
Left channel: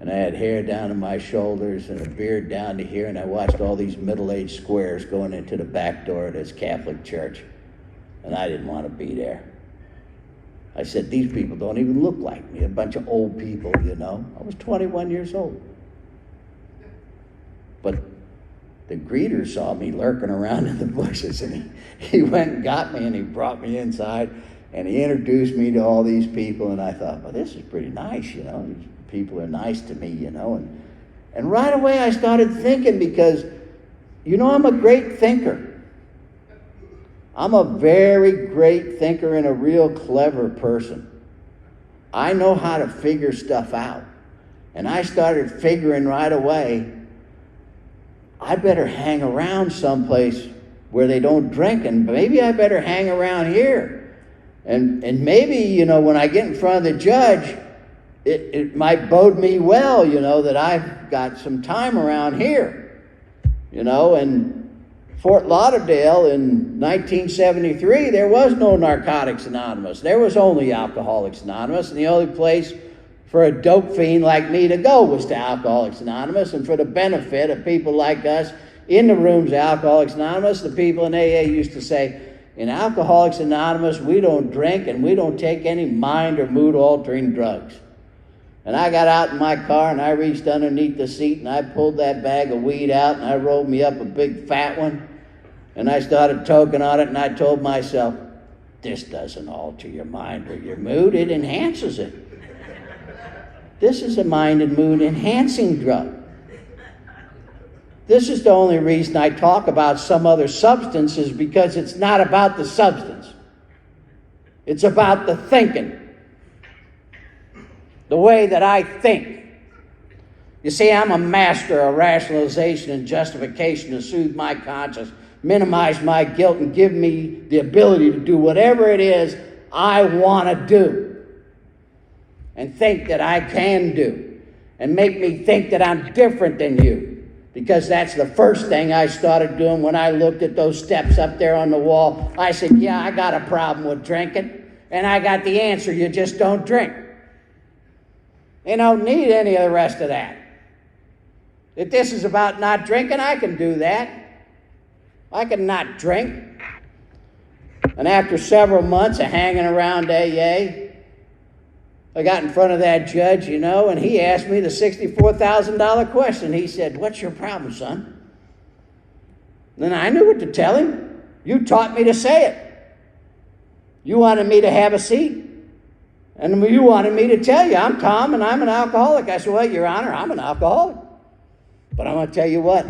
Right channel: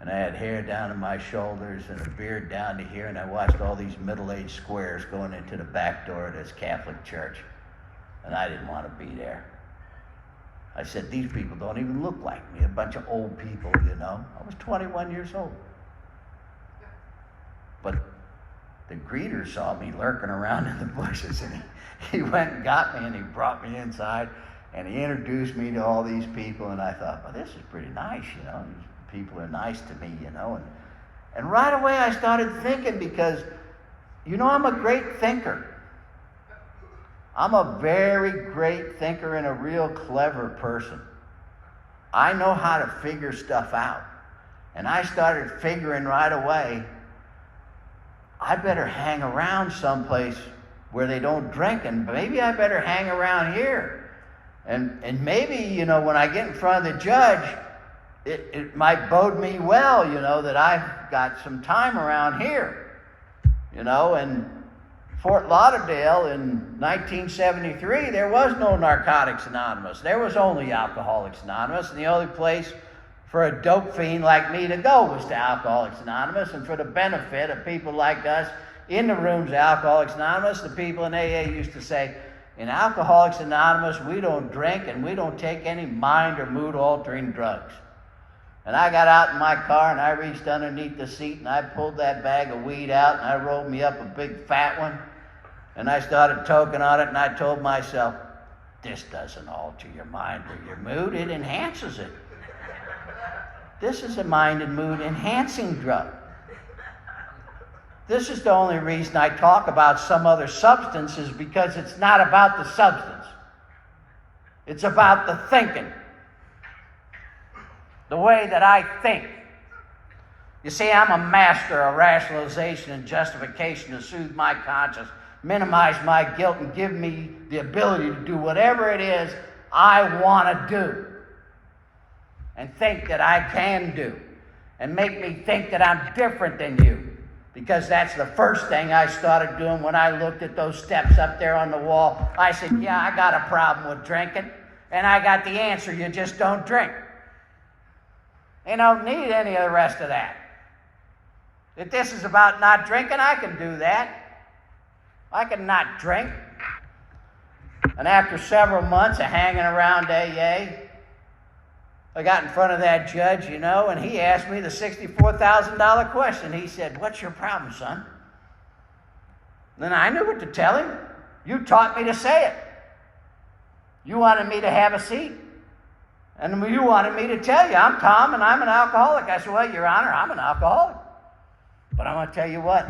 and I had hair down to my shoulders and a beard down to here, and I watched all these middle-aged squares going into the back door of this Catholic church, and I didn't want to be there. I said, these people don't even look like me, a bunch of old people, you know. I was 21 years old. But the greeter saw me lurking around in the bushes, and he went and got me, and he brought me inside, and he introduced me to all these people, and I thought, well, this is pretty nice, you know. These people are nice to me, you know. And right away I started thinking, because, you know, I'm a great thinker. I'm a very great thinker and a real clever person. I know how to figure stuff out. And I started figuring right away, I better hang around someplace where they don't drink, and maybe I better hang around here. And maybe, you know, when I get in front of the judge, it might bode me well, you know, that I've got some time around here. You know, and Fort Lauderdale in 1973, there was no Narcotics Anonymous. There was only Alcoholics Anonymous, and the only place for a dope fiend like me to go was to Alcoholics Anonymous. And for the benefit of people like us in the rooms of Alcoholics Anonymous, the people in AA used to say, in Alcoholics Anonymous, we don't drink and we don't take any mind or mood-altering drugs. And I got out in my car, and I reached underneath the seat, and I pulled that bag of weed out, and I rolled me up a big fat one, and I started toking on it, and I told myself, this doesn't alter your mind or your mood, it enhances it. This is a mind and mood enhancing drug. This is the only reason I talk about some other substances, because it's not about the substance. It's about the thinking. The way that I think. You see, I'm a master of rationalization and justification to soothe my conscience, minimize my guilt, and give me the ability to do whatever it is I want to do and think that I can do, and make me think that I'm different than you, because that's the first thing I started doing when I looked at those steps up there on the wall. I said, yeah, I got a problem with drinking, and I got the answer: you just don't drink. You don't need any of the rest of that. If this is about not drinking, I can do that. I can not drink. And after several months of hanging around AA, I got in front of that judge, you know, and he asked me the $64,000 question. He said, what's your problem, son? Then I knew what to tell him. You taught me to say it. You wanted me to have a seat. And you wanted me to tell you, I'm Tom and I'm an alcoholic. I said, well, Your Honor, I'm an alcoholic. But I'm going to tell you what,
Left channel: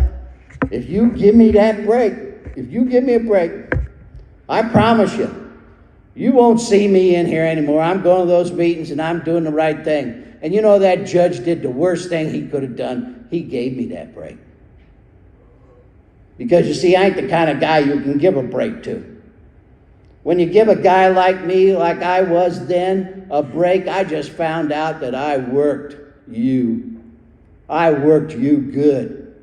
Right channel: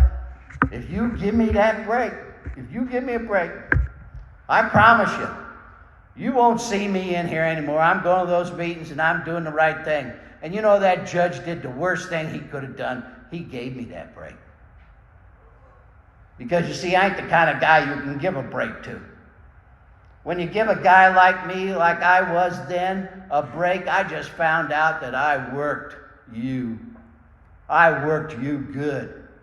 if you give me that break, if you give me a break, I promise you, you won't see me in here anymore. I'm going to those meetings and I'm doing the right thing. And you know, that judge did the worst thing he could have done. He gave me that break. Because you see, I ain't the kind of guy you can give a break to. When you give a guy like me, like I was then, a break, I just found out that I worked you. I worked you good.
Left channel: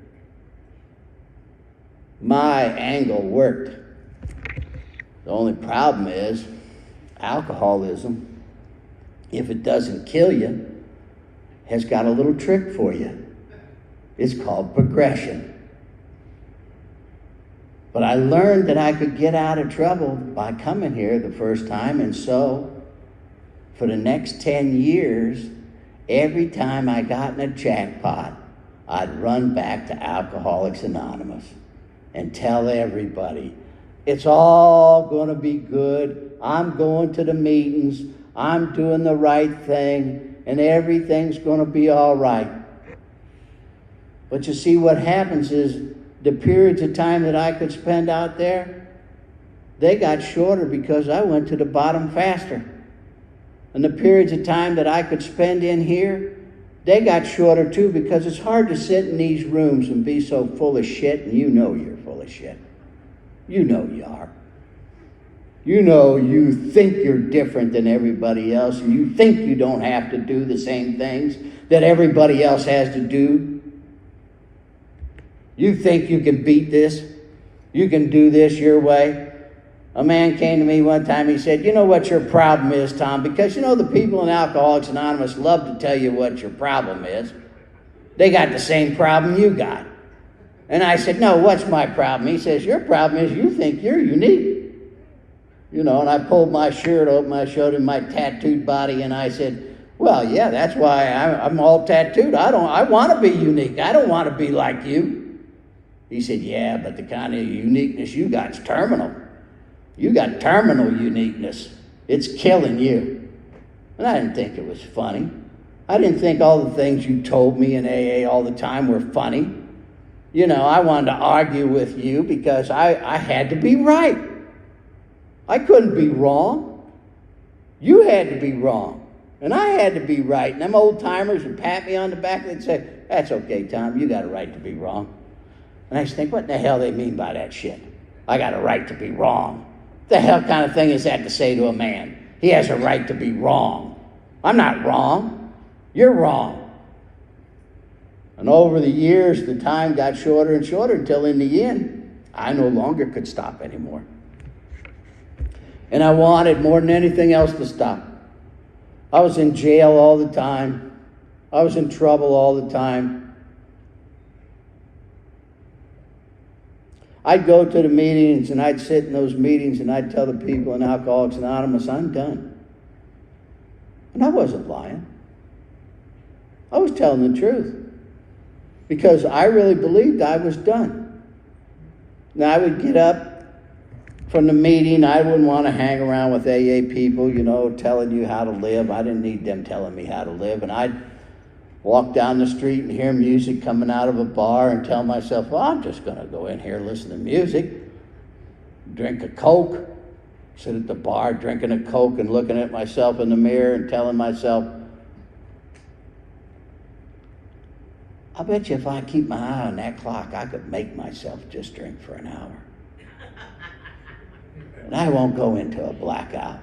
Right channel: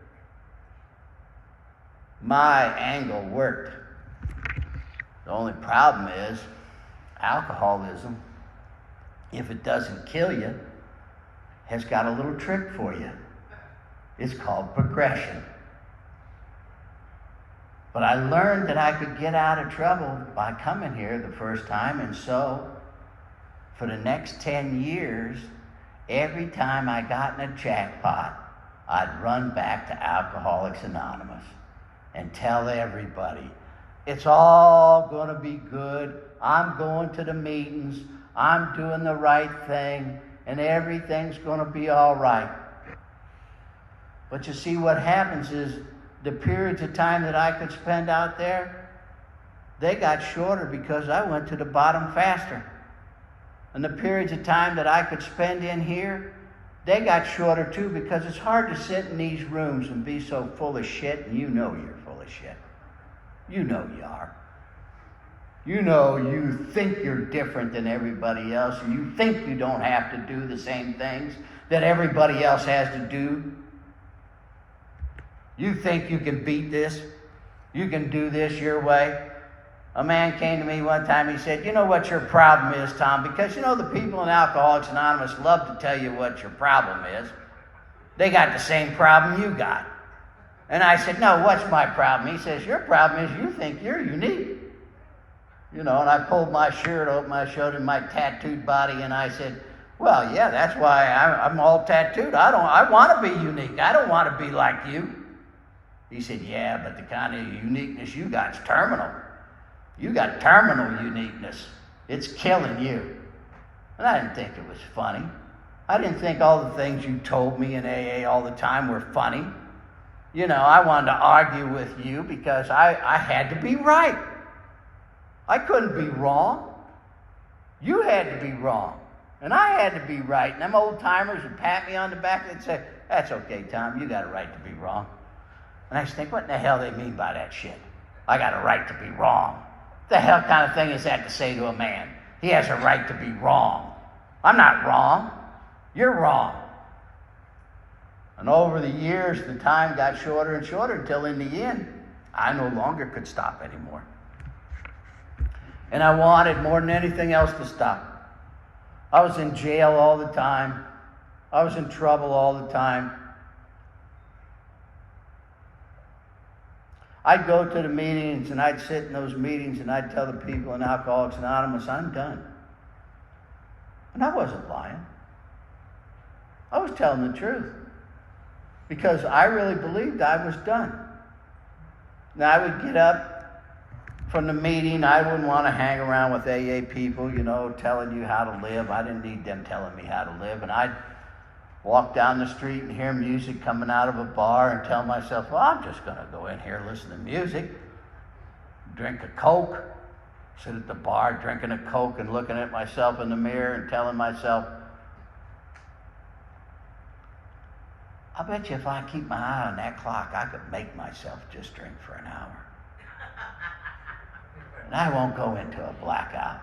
My angle worked. The only problem is, alcoholism, if it doesn't kill you, has got a little trick for you. It's called progression. But I learned that I could get out of trouble by coming here the first time, and so for the next 10 years, every time I got in a jackpot, I'd run back to Alcoholics Anonymous and tell everybody, it's all going to be good. I'm going to the meetings. I'm doing the right thing, and everything's going to be all right. But you see, what happens is, the periods of time that I could spend out there, they got shorter because I went to the bottom faster. And the periods of time that I could spend in here, they got shorter too, because it's hard to sit in these rooms and be so full of shit, and you know you're full of shit. You know you are. You know you think you're different than everybody else, and you think you don't have to do the same things that everybody else has to do. You think you can beat this, you can do this your way, A man came to me one time, he said, you know what your problem is, Tom? Because you know the people in Alcoholics Anonymous love to tell you what your problem is. They got the same problem you got. And I said, no, what's my problem? He says, your problem is you think you're unique. You know, and I pulled my shirt open, I showed him my tattooed body, and I said, well, yeah, that's why I'm all tattooed. I want to be unique. I don't want to be like you. He said, yeah, but the kind of uniqueness you got is terminal. You got terminal uniqueness. It's killing you. And I didn't think it was funny. I didn't think all the things you told me in AA all the time were funny. You know, I wanted to argue with you because I had to be right. I couldn't be wrong. You had to be wrong. And I had to be right. And them old timers would pat me on the back and say, that's okay, Tom, you got a right to be wrong. And I just think, what in the hell they mean by that shit? I got a right to be wrong. The hell kind of thing is that to say to a man? He has a right to be wrong. I'm not wrong. You're wrong. And over the years, the time got shorter and shorter until in the end, I no longer could stop anymore. And I wanted more than anything else to stop. I was in jail all the time. I was in trouble all the time. I'd go to the meetings and I'd sit in those meetings and I'd tell the people in Alcoholics Anonymous, I'm done. And I wasn't lying. I was telling the truth. Because I really believed I was done. Now I would get up from the meeting. I wouldn't want to hang around with AA people, you know, telling you how to live. I didn't need them telling me how to live. And I'd walk down the street and hear music coming out of a bar and tell myself, well, I'm just going to go in here and listen to music, drink a Coke, sit at the bar drinking a Coke and looking at myself in the mirror and telling myself, I bet you if I keep my eye on that clock, I could make myself just drink for an hour. And I won't go into a blackout.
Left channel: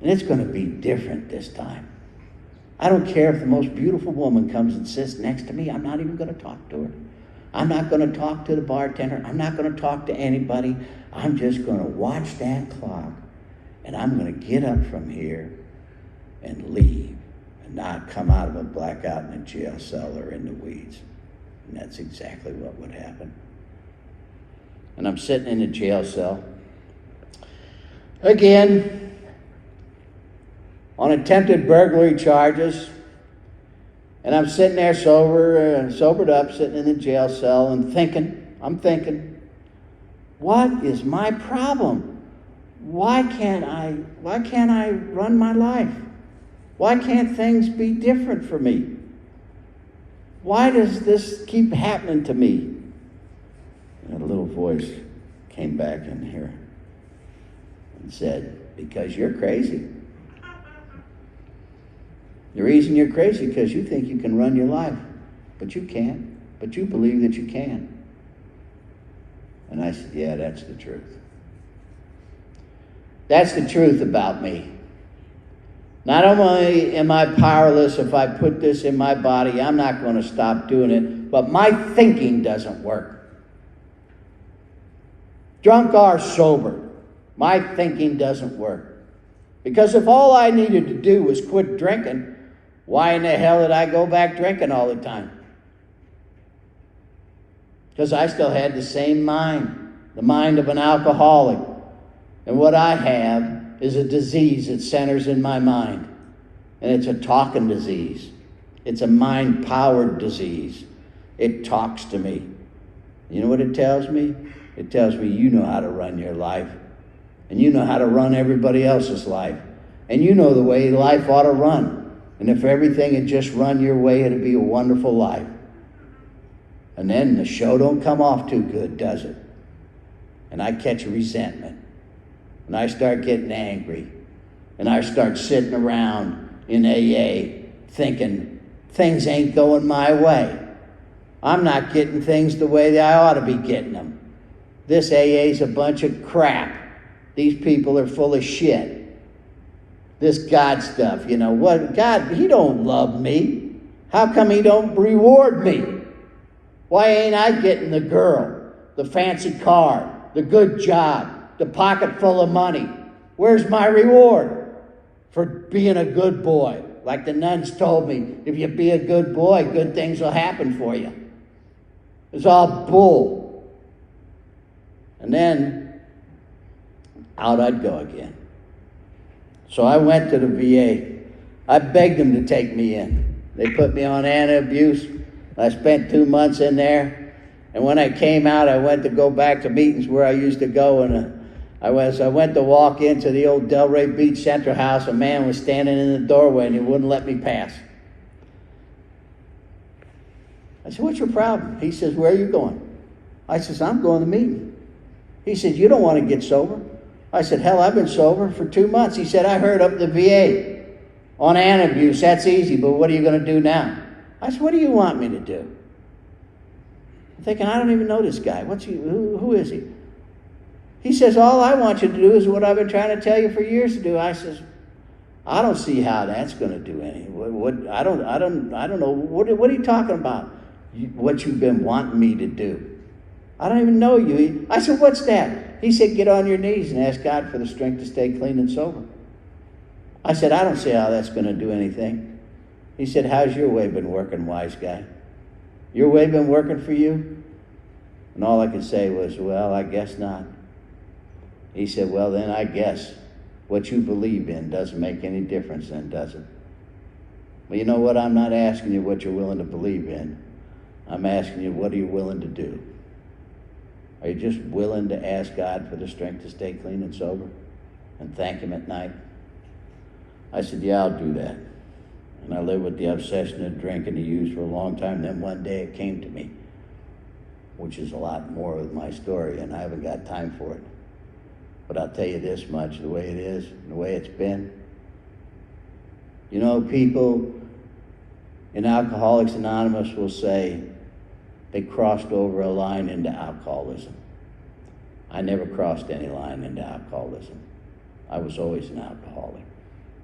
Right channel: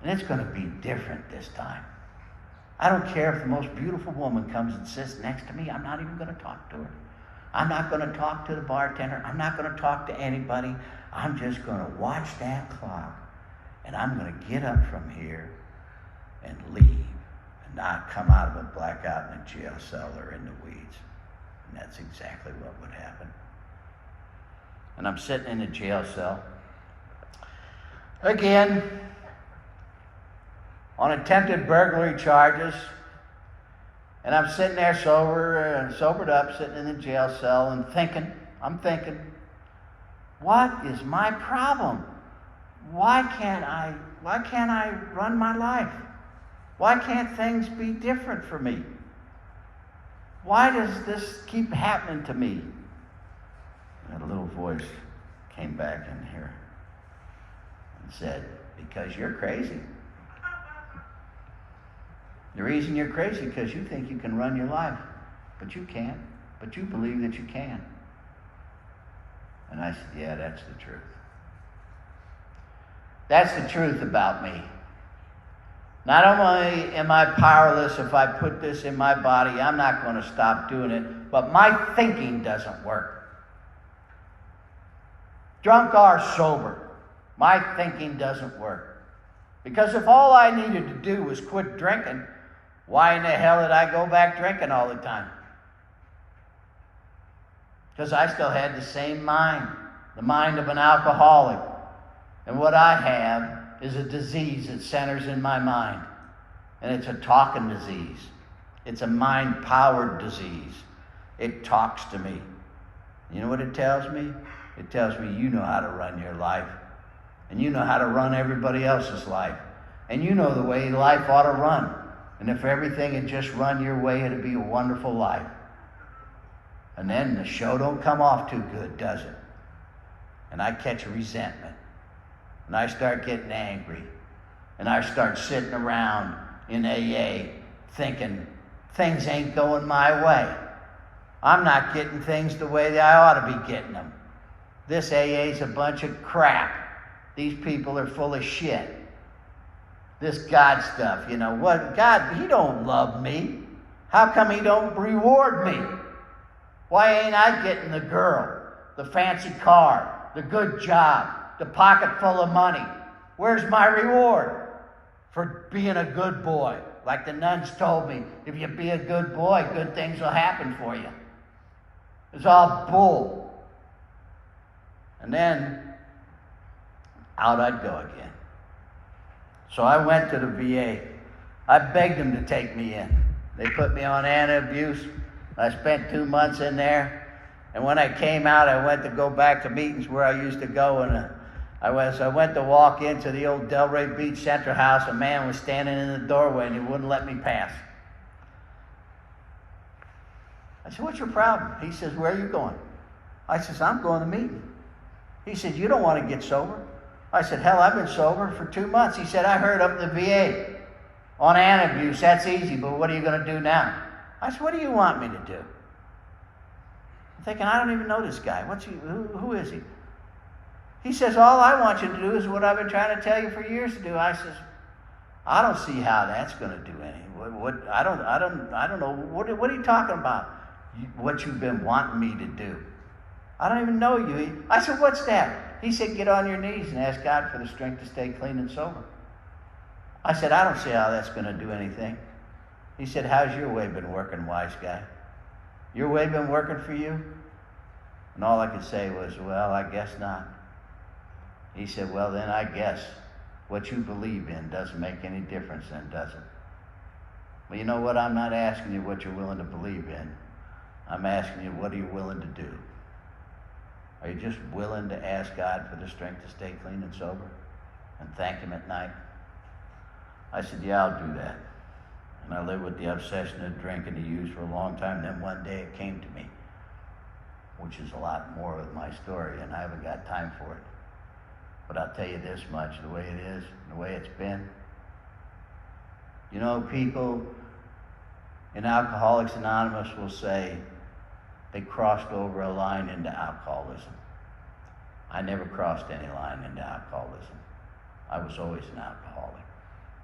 And it's going to be different this time. I don't care if the most beautiful woman comes and sits next to me. I'm not even going to talk to her. I'm not going to talk to the bartender. I'm not going to talk to anybody. I'm just going to watch that clock. And I'm going to get up from here and leave and not come out of a blackout in a jail cell or in the weeds. And that's exactly what would happen. And I'm sitting in a jail cell. Again, on attempted burglary charges, and I'm sitting there sobered up, sitting in the jail cell and I'm thinking, what is my problem? Why can't I run my life? Why can't things be different for me? Why does this keep happening to me? And a little voice came back in here and said, because you're crazy. The reason you're crazy is because you think you can run your life, but you can't. But you believe that you can. And I said, yeah, that's the truth. That's the truth about me. Not only am I powerless if I put this in my body, I'm not going to stop doing it, but my thinking doesn't work. Drunk or sober, my thinking doesn't work. Because if all I needed to do was quit drinking, why in the hell did I go back drinking all the time? Because I still had the same mind, the mind of an alcoholic. And what I have is a disease that centers in my mind. And it's a talking disease. It's a mind-powered disease. It talks to me. You know what it tells me? It tells me you know how to run your life. And you know how to run everybody else's life. And you know the way life ought to run. And if everything had just run your way, it'd be a wonderful life. And then the show don't come off too good, does it? And I catch resentment. And I start getting angry. And I start sitting around in AA thinking, things ain't going my way. I'm not getting things the way that I ought to be getting them. This AA's a bunch of crap. These people are full of shit. This God stuff, you know, what God, he don't love me. How come he don't reward me? Why ain't I getting the girl, the fancy car, the good job, the pocket full of money. Where's my reward for being a good boy? Like the nuns told me, if you be a good boy, good things will happen for you. It's all bull. And then out I'd go again. So I went to the VA. I begged them to take me in. They put me on anti-abuse. I spent 2 months in there. And when I came out, I went to go back to meetings where I used to go. And I went to walk into the old Delray Beach Center house. A man was standing in the doorway and he wouldn't let me pass. I said, what's your problem? He says, where are you going? I says, I'm going to meeting. He said, you don't want to get sober? I said, hell, I've been sober for 2 months. He said, I heard up the VA on anti-abuse. That's easy, but what are you going to do now? I said, what do you want me to do? I'm thinking, I don't even know this guy. Who is he? He says, all I want you to do is what I've been trying to tell you for years to do. I says, I don't see how that's going to do anything. I don't know. What are you talking about? What you've been wanting me to do. I don't even know you. I said, what's that? He said, get on your knees and ask God for the strength to stay clean and sober. I said, I don't see how that's going to do anything. He said, how's your way been working, wise guy? Your way been working for you? And all I could say was, well, I guess not. He said, well, then I guess what you believe in doesn't make any difference then, does it? Well, you know what? I'm not asking you what you're willing to believe in. I'm asking you, what are you willing to do? Are you just willing to ask God for the strength to stay clean and sober and thank Him at night? I said, yeah, I'll do that. And I lived with the obsession of drinking to use for a long time. Then one day it came to me, which is a lot more of my story, and I haven't got time for it. But I'll tell you this much, the way it is, the way it's been. You know, people in Alcoholics Anonymous will say they crossed over a line into alcoholism. I never crossed any line into alcoholism. I was always an alcoholic.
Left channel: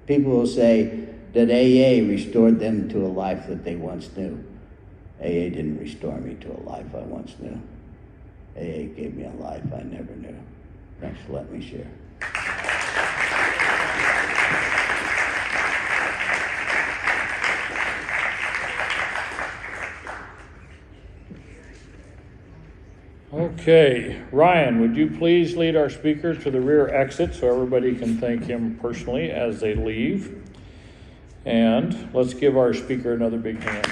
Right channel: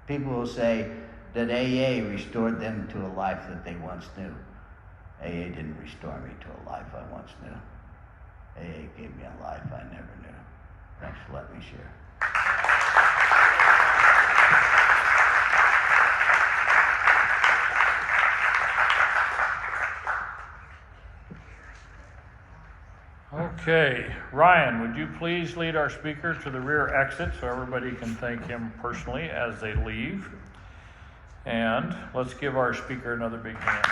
People will say that AA restored them to a life that they once knew. AA didn't restore me to a life I once knew. AA gave me a life I never knew. Thanks for letting me share. Okay, Ryan, would you please lead our speaker to the rear exit so everybody can thank him personally as they leave? And let's give our speaker another big hand.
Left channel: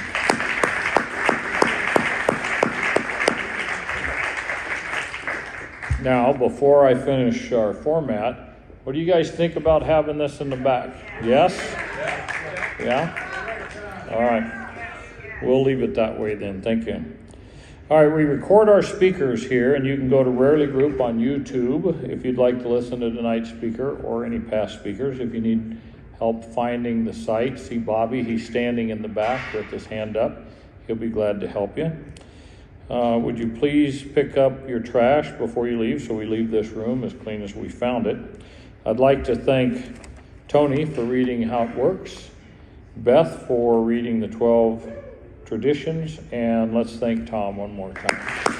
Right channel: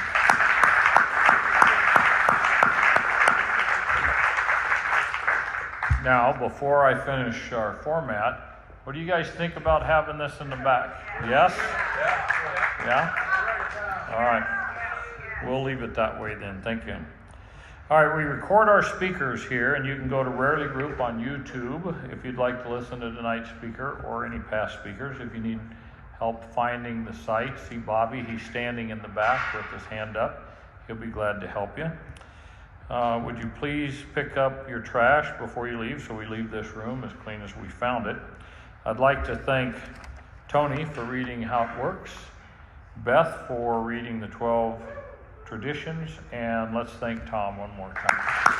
Now, before I finish our format, what do you guys think about having this in the back? Yes? Yeah? All right. We'll leave it that way then. Thank you. All right, we record our speakers here, and you can go to Rarely Group on YouTube if you'd like to listen to tonight's speaker or any past speakers. If you need help finding the site, see Bobby. He's standing in the back with his hand up. He'll be glad to help you. Would you please pick up your trash before you leave so we leave this room as clean as we found it. I'd like to thank Tony for reading How It Works, Beth for reading the 12 traditions, and let's thank Tom one more time.